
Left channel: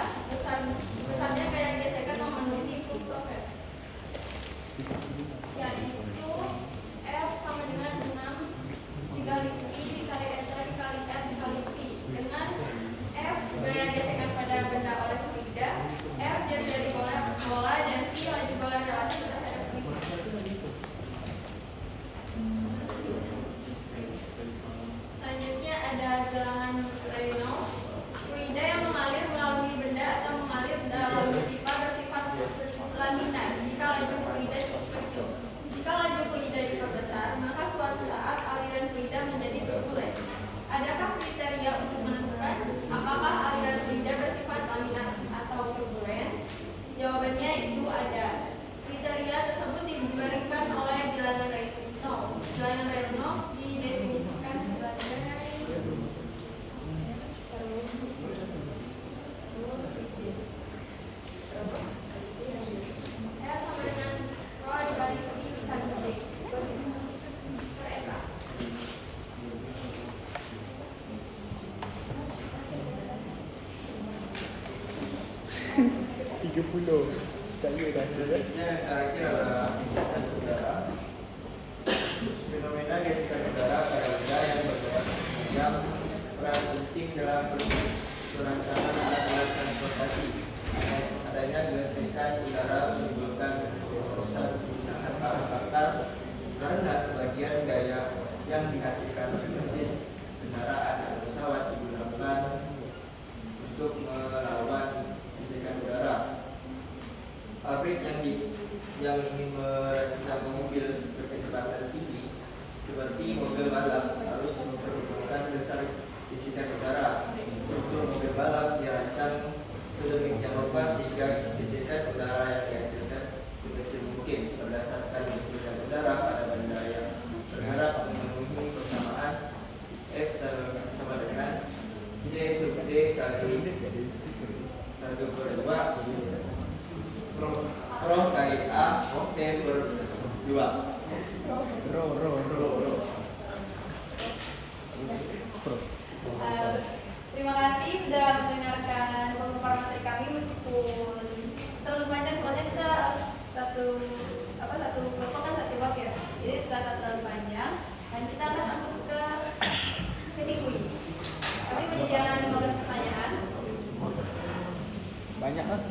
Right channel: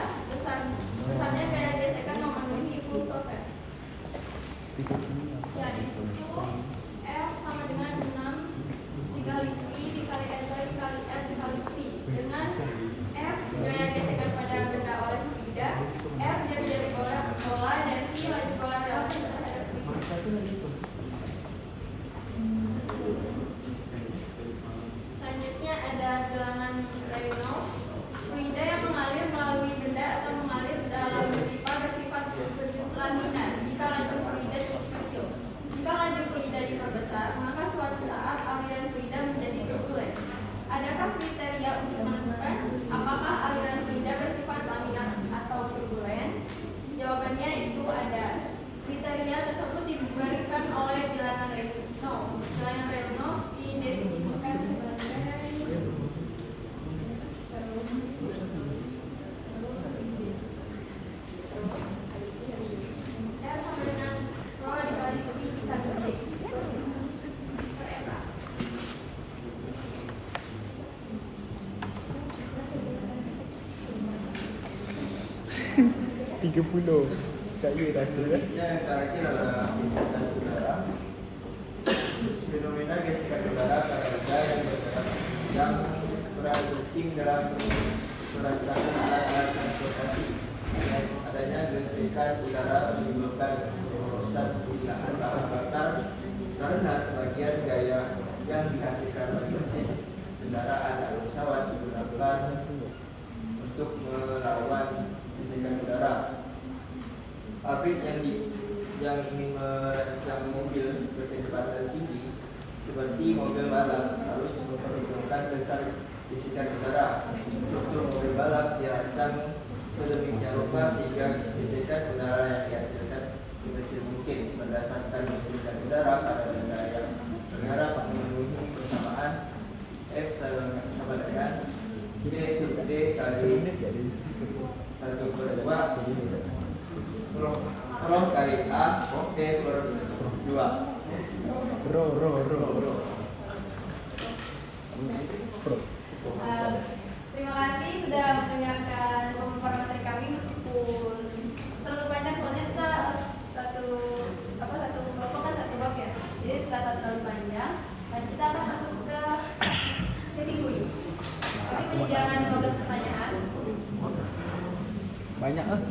besarnya gaya gesekan memenuhi hukum Stokes, yaitu F sama dengan 6 dikali V dikali eta dikali R dikali V. Dengan F gaya gesekan pada benda oleh fluida, R jari-jari bola dan V laju bola relatif terhadap fluida. Selanjutnya ada gelangan Reynolds. Fluida yang mengalir melalui benda atau mengalir dalam pipa bersifat laminar jika laju fluida cukup kecil. Jika laju fluida diperbesar, maka suatu saat aliran fluida menjadi turbulen. Adakah kriteria untuk menentukan apakah aliran fluida bersifat laminar atau turbulen? Jawabannya itu ada. Kriteria tersebut diberikan oleh bilangan Reynolds. Bilangan Reynolds didefinisikan sebagai R sama dengan rho dikali V dikali D per eta. Selanjutnya yang terakhir adalah gesekan udara. Fenomena gesekan udara pada benda yang bergerak yang peran penting dalam perancangan alat-alat transportasi. Adanya gesekan udara menimbulkan pemborosan penggunaan bahan bakar karena sebagian gaya yang dihasilkan oleh mesin kendaraan atau pesawat digunakan untuk melawan gesekan udara. Pabrik yang ingin merancang mobil berkecepatan tinggi seperti mobil balap harus memperhitungkan besar gesekan udara. Struktur mobil balap dirancang sedemikian rupa sehingga gesekan udara yang dihasilkan sekecil mungkin. Berdasarkan gesekan udara pada benda yang bergerak memenuhi persamaan F sama dengan C sub D kali 1/2 Pro kali A P per 2. Terima kasih sudah mendengarkan pemaparan materi kami meskipun terlalu panjang, soalnya kita satu kelompok kan satu bab ya, jadi terasa terlalu panjang dan kita akan masuk ke sesi kuis. Kami menyediakan 15 pertanyaan. Banyak lah.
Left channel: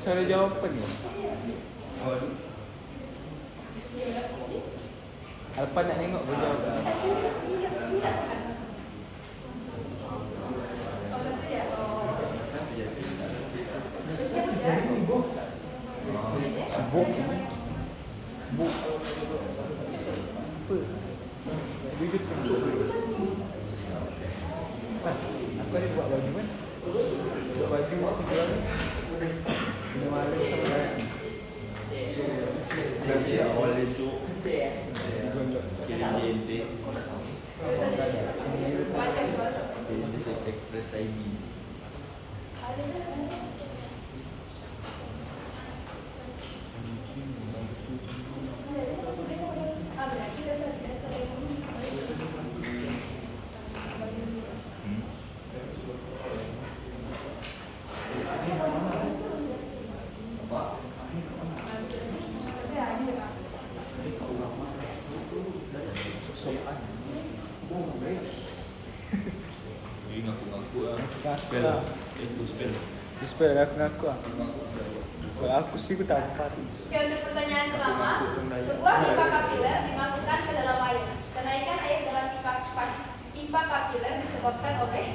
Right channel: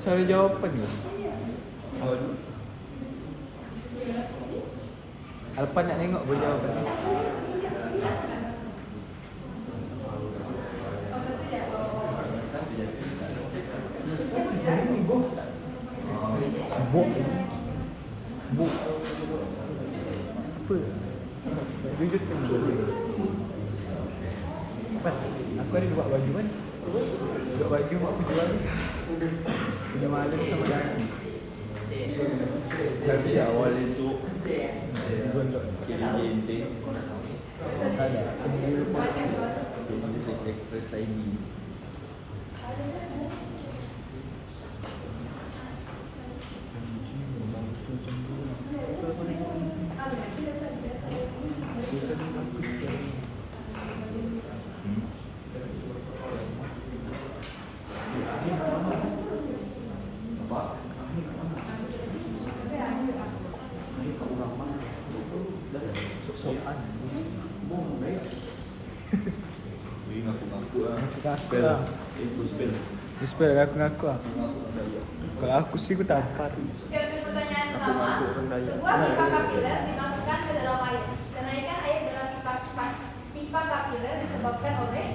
Saya jawab kan? Alpa nak tengok boleh jawab. Kasih awal itu KDNT Macam soal. KDNT Express ID. Ini ngaku-ngaku Spell. spell. Spell aku. Aku sih aku tahu. Oke, untuk pertanyaan pertama, sebuah pipa kapiler dimasukkan ke dalam air. Kenaikan air dalam pipa kapiler disebabkan oleh.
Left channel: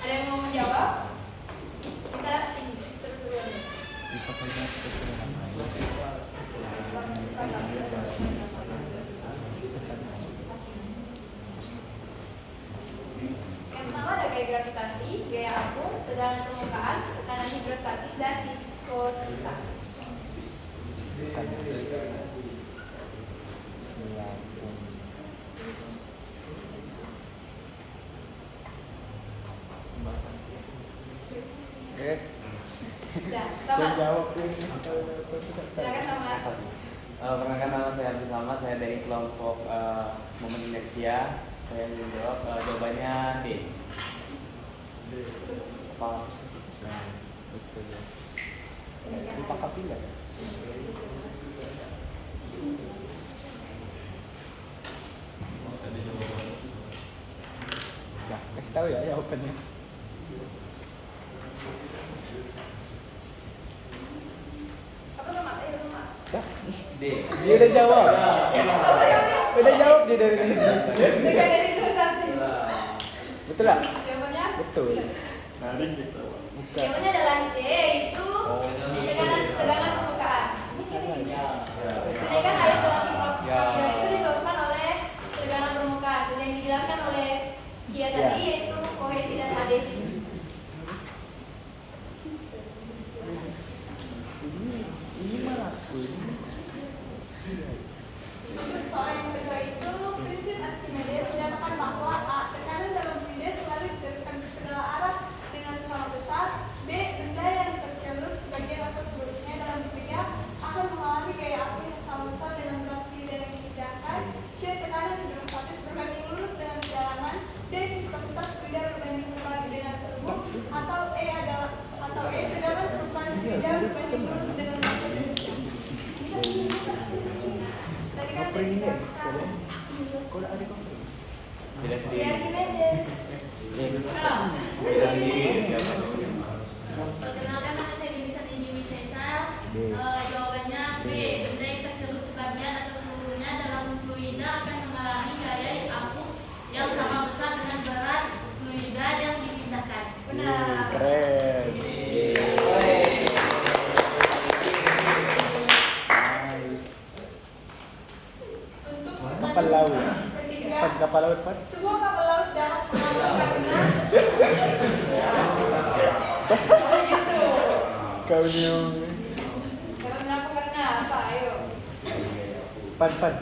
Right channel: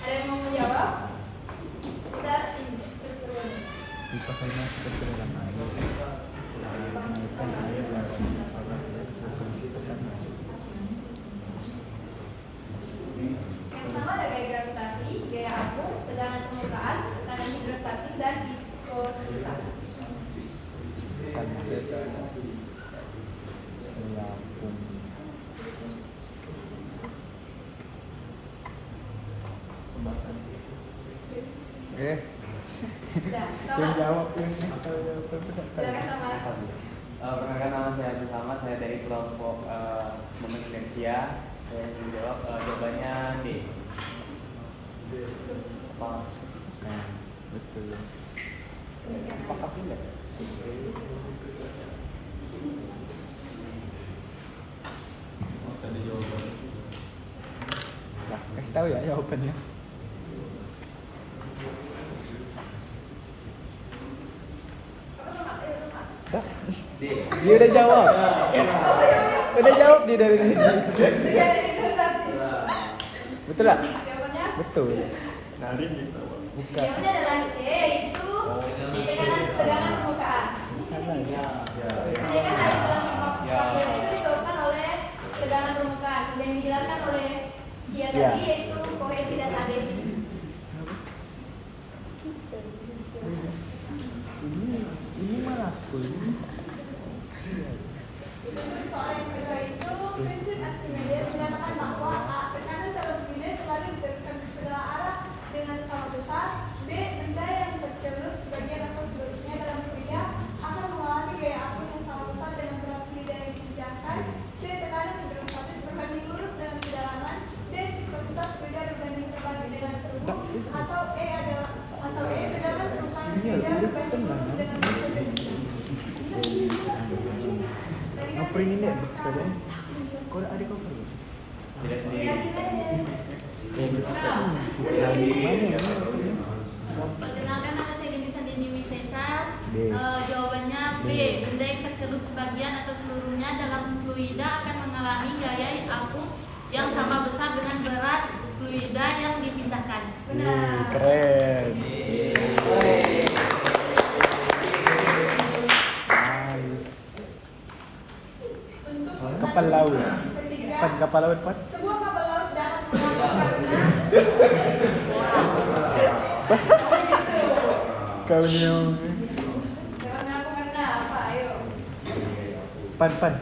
Ada yang mau menjawab? Kita tinggal seterusnya. Yang pertama ada gaya gravitasi, gaya apung, tekanan permukaan, tekanan hidrostatis, dan viskositas. Sudah, Thomas. Silakan Thomas. Perkenalkan nama saya bersama, saya dari kelompok Indonesia. Saya menjawab jawabannya D. Tadi jawaban. Kasih tahu ya jawabannya. Apa Thomas? Ayo Thomas. D. Dia udah jawab. Oh ya, Udah jawab dia dari tadi. tekanan hidrostatis. Betul lah? Jawabannya? Betul. Narik gitu. Jawabannya adalah C, yaitu tegangan permukaan. Kenaikan air dalam pipa kapiler itu disebabkan oleh tegangan permukaan. Sudah yang dijelaskan oleh dia tadi yaitu kohesi dan adesi. Untuk soal yang kedua itu prinsip Archimedes menyatakan bahwa A. Tekanan dalam bidet sekali diteruskan ke segala arah dengan sama besar. B. Benda yang tercelup sebagian atau seluruhnya dalam kuliah akan mengalami gaya api yang sama besar dengan berat bidet yang dipindahkan. C. Tekanan hidrostatis berbanding lurus dengan kedalaman. D. Viskositas kuliah berbanding terbalik dengan suhu. Atau E. Tegangan permukaan kuliah berbanding lurus dengan viskositasnya. Tadi kan dijelaskan. Tidak sendiri. Archimedes. Nah, Perkenalkan nama saya Denisa Dini Wisesa. Jawabannya B. Benda yang tercelup sebagian atau seluruhnya dalam fluida akan mengalami gaya apung yang sama besar dengan berat fluida yang dipindahkan. benar. Untuk Kapal laut. ketiga, Kapal laut Pak. sebuah kapal laut dapat mengambang karena Kau ni Jangan apa karena apa? Ayo. pan.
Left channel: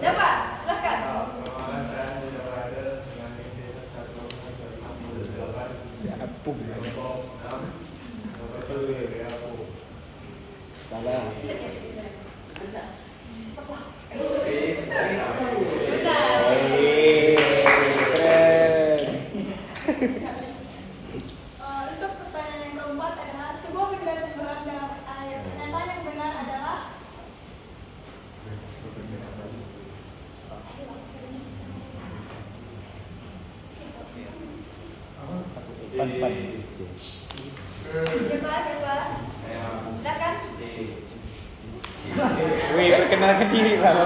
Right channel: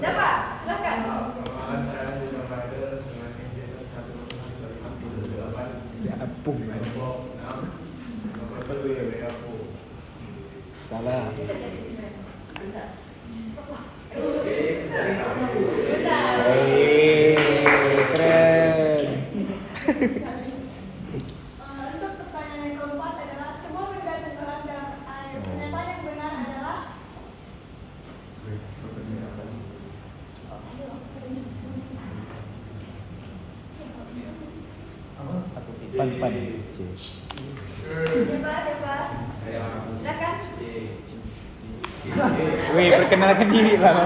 Dapat, silakan. Apung. Benar. untuk pertanyaan yang keempat adalah sebuah benda tenggelam dalam air. Pernyataan yang benar adalah Siapa? Silakan. Wih, perkenalkan diri Pak.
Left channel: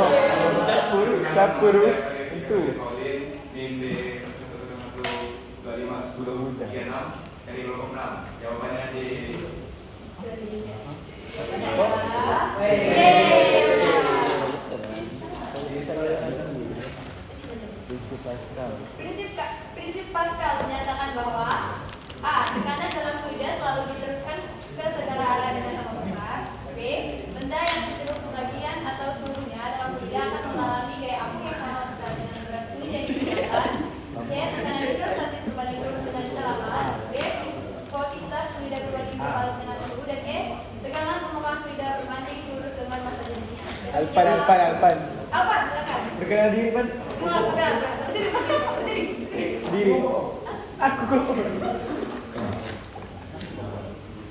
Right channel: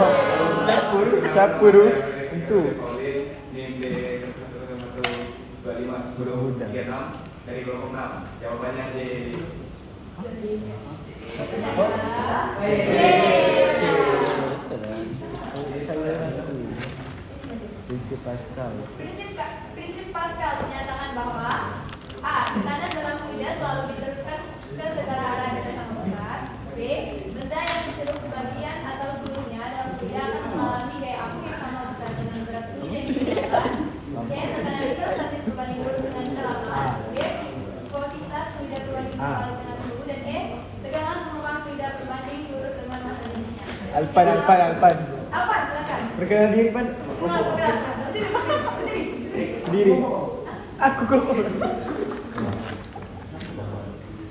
Siapa dulu? Itu. Dari kelompok 6. Jawabannya D. Prinsip Pascal menyatakan bahwa A. Tekanan dalam fluida selalu diteruskan ke segala arah dengan sama besar. B. Benda yang dicelup sebagian atau seluruhnya dalam fluida akan mengalami gaya apung yang sama besar dengan berat fluida yang dikeluarkan. C. Tekanan hidrostatis berbanding lurus dengan kedalaman. D. Viskositas fluida berbanding berbalik dengan suhu. Dan E. Tegangan permukaan fluida berbanding lurus dengan massa jenisnya. Alpan. Alpan, silakan. Perkenalan diri Pan. Perkenalkan. Berdiri. Diri. Aku keluar.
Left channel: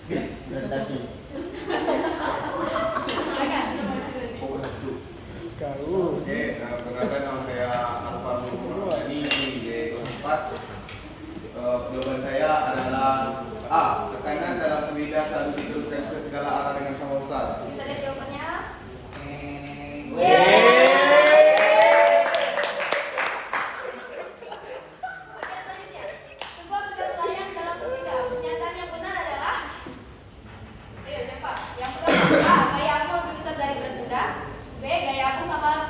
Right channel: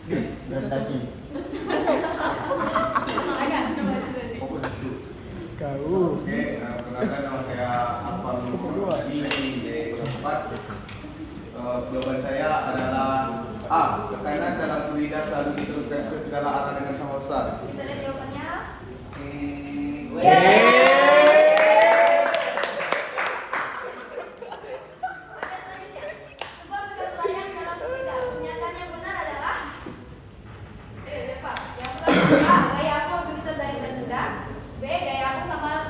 Silakan. Kau. Oke, perkenalkan nama saya Arfan Nurmadi D04. Jawaban saya adalah A. Tekanan dalam fluida selalu diteruskan ke segala arah dengan sama besar. Kita lihat jawabannya. Sebuah benda melayang dalam fluida. Pernyataan yang benar adalah ayo siapa? Yang pertama, A. Gaya apung lebih besar dari berat benda. B. Gaya apung sama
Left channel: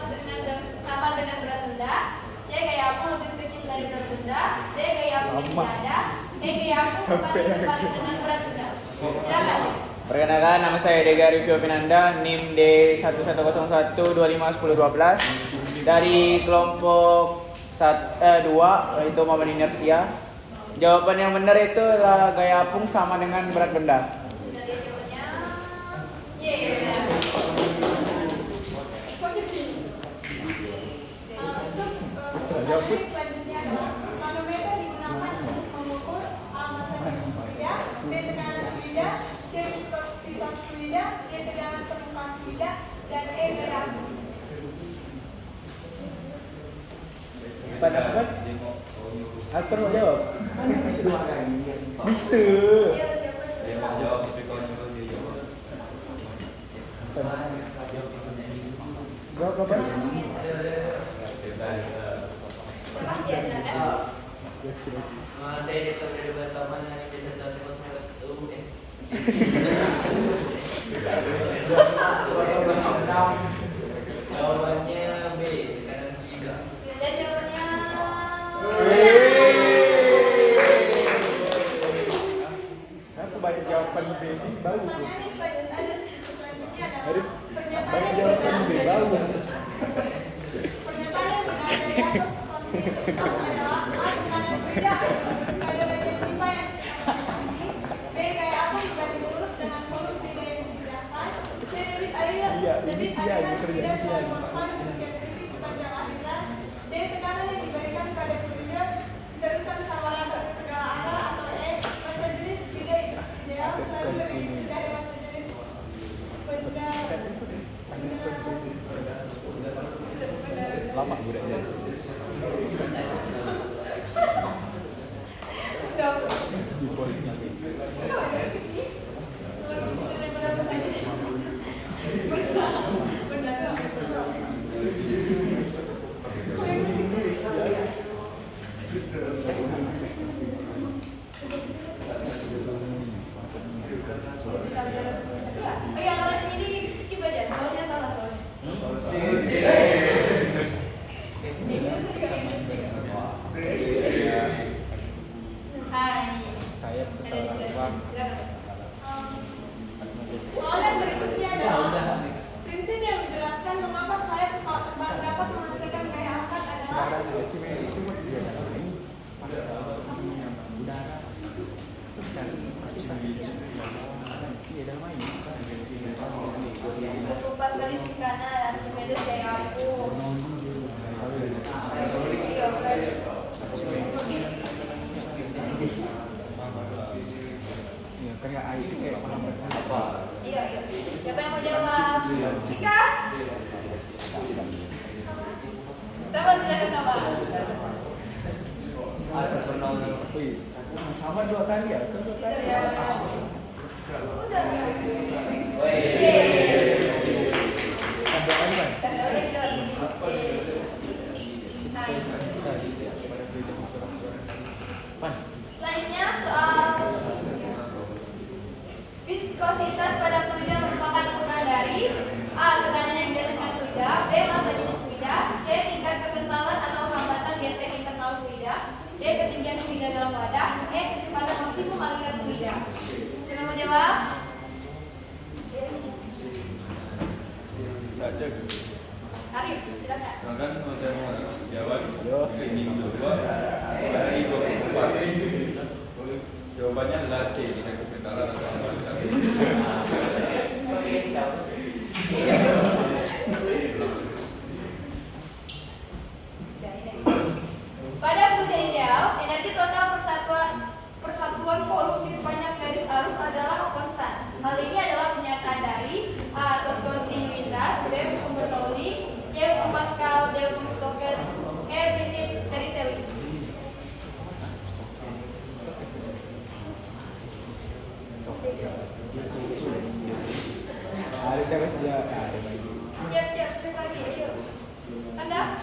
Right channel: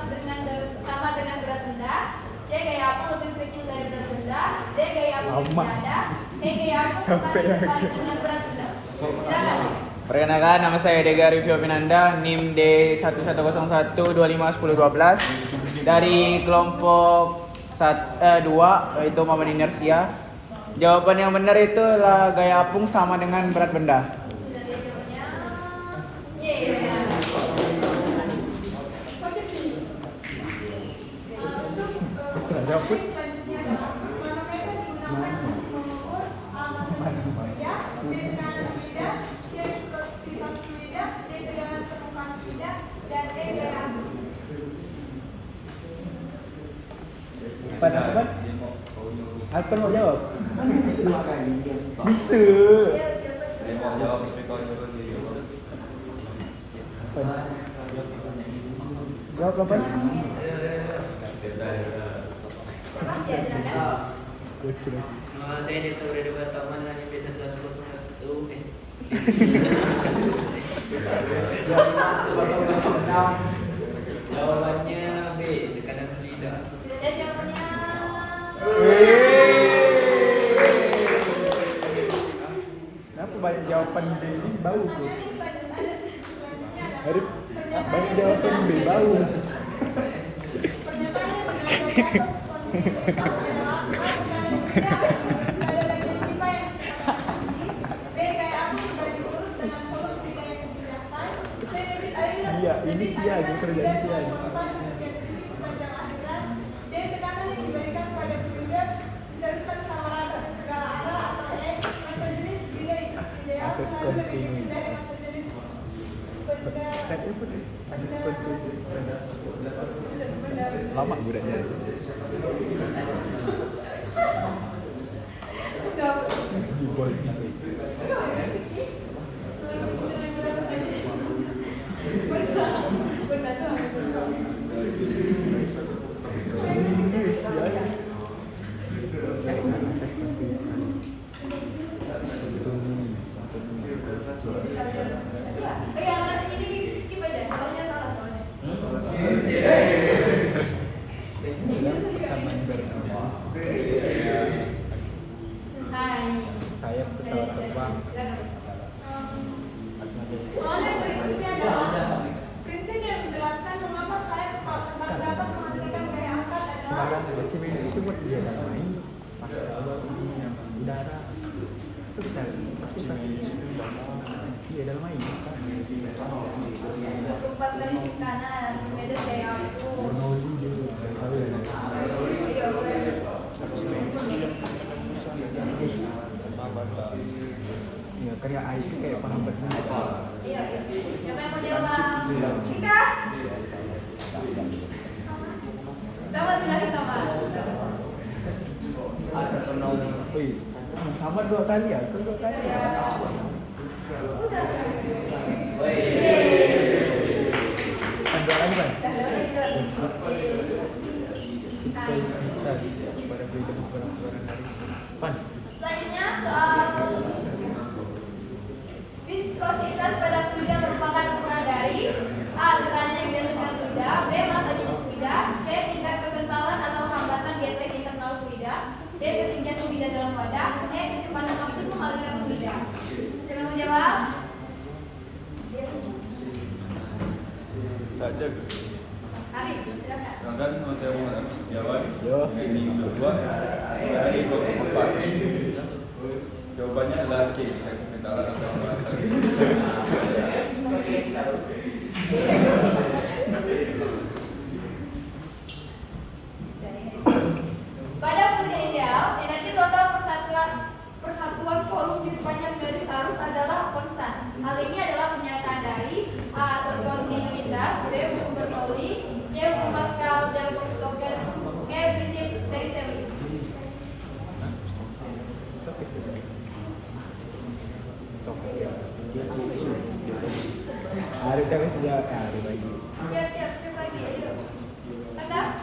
dengan berat benda. C. Gaya apung lebih kecil dari berat benda. D. Gaya apung yang tidak ada. E. Gaya apung berbanding dengan berat benda. Silakan. Perkenalkan, nama saya Dega Rivio Pinanda, NIM D1101251012 dari kelompok 2, yaitu Paman Inersia. Jawaban yang benar itu adalah gaya apung sama dengan berat benda. Sudah lihat jawabannya. Yeay. Untuk pertanyaan selanjutnya adalah manometer digunakan untuk mengukur A. Massa jenis fluida, B. tekanan fluida, C. viskositas fluida, D. tegangan permukaan fluida, dan E. gaya apung. Apa mau jawab? Bisa. Iya, siapa? Dia mau jawab tapi kau nyuruh dia jawab. Jawab apa? Siapa? Ya, silakan. Nama saya Dita Ureduka Taman yang biasa terus Jawabannya B, kanan tidak. Sudah lihat jawabannya. Apa banyak jawaban Dedi baru? Pertanyaan yang selanjutnya adalah Aduh. pernyataan yang Ada benar. jawaban baru. Pernyataan yang benar dari atas kontinuitas adalah A. Tekanan fluida pada bagian pipa yang kecepatan tinggi. B. Gaya apung berbanding lurus dengan volume fluida yang dipindahkan. C. Debit aliran fluida selalu konstan di setiap titik sepanjang aliran. D. Tekanan yang diberikan pada fluida diteruskan sama rata ke segala arah. Atau E. Massa jenis fluida ideal selalu lebih kecil dari massa jenis Oh iya, karena ini skip aja. Soalnya salah soalnya. Soal yang berikutnya adalah prinsip yang menjelaskan mengapa sayap pesawat terbang dapat menghasilkan gaya angkat adalah Pas kali di kanan, Archimedes gaya apung. Iya, benar. Ya, kayak IT kayak paham. Iya. Siapa yang mau jawab? Cika? Sama, silakan sama. Wih, sama 2 kali ya? Bisa ya. Udah. Ada aja. Pan. Selanjutnya soal viskositas pada fluida merupakan ukuran dari A. Tekanan yang dihasilkan fluida, B. Massa jenis fluida, C. Tingkat kekentalan atau hambatan geser internal fluida, D. Ketinggian fluida fluida dalam wadah, E. kecepatan maksimum aliran fluida. Siapa yang mau jawab? Arif, silakan. Sedangkan saya harus jawab dengan jawaban dari 24. Jawabannya adalah C. Kita ketahuan atau Pada fluida ideal, energi total persatuan volume di sepanjang garis arus adalah konstan. Hal ini adalah pernyataan dari A. asas kontinuitas, B. hukum Bernoulli, C. hukum Pascal, D. hukum Stokes, E. prinsip Vercelli. Siap lagi, yuk. Anda?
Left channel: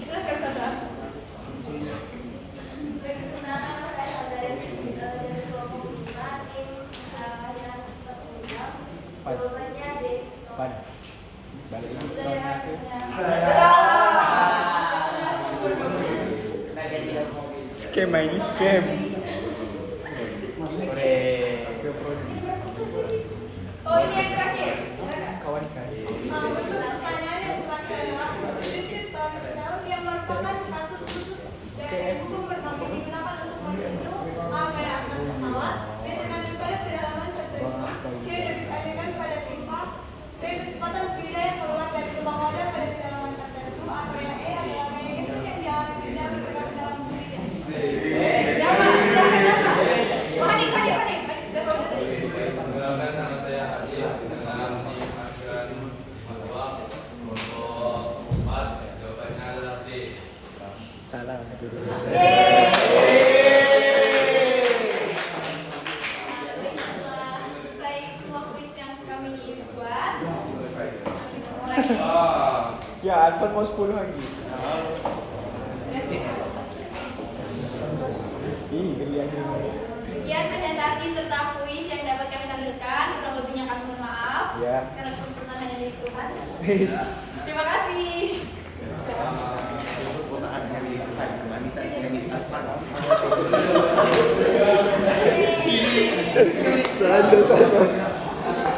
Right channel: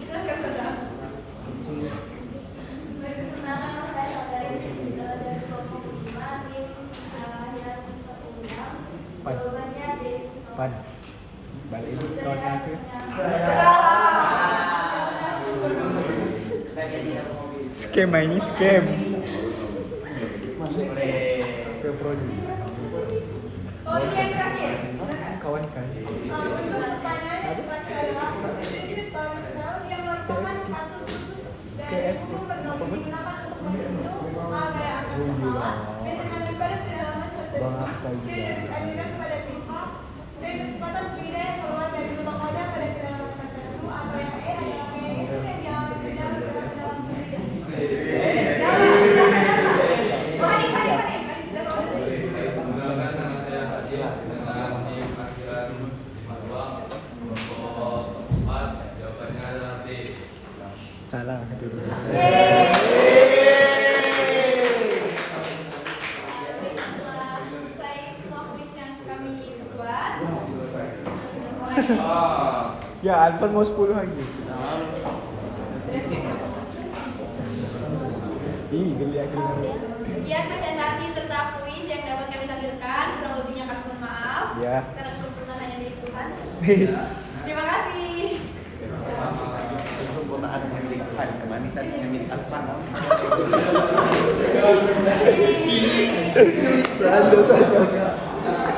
Silakan saja. Perkenalkan saya dari kelompok 5 tim aliran sistem umum. Jawabannya D. Skema ini scam. Oh, ini yang terakhir. Untuk pertanyaan yang terakhir adalah prinsip Torricelli yang merupakan kasus khusus dari hukum Bernoulli digunakan untuk menghitung gaya angkat pesawat, B. tekanan periode kedalaman tertentu, C. debit aliran pada pipa, D. kecepatan fluida yang keluar dari lubang wadah pada kedalaman tertentu, atau yang E adalah gaya input yang dialami fluida bergerak ke dalam fluida. Perkenalkan nama saya Hadi dengan tim akhiran bahwa kelompok 4 jawabannya adalah D. Salah. Setelah selesai semua kuis yang kami buat, Ya, atau mau 10 lagi. Sekian presentasi serta kuis yang dapat kami tampilkan. Kurang lebihnya kami mohon maaf. Ya. Karena kesempurnaan dari Tuhan. Peace. Terima kasih. Satu,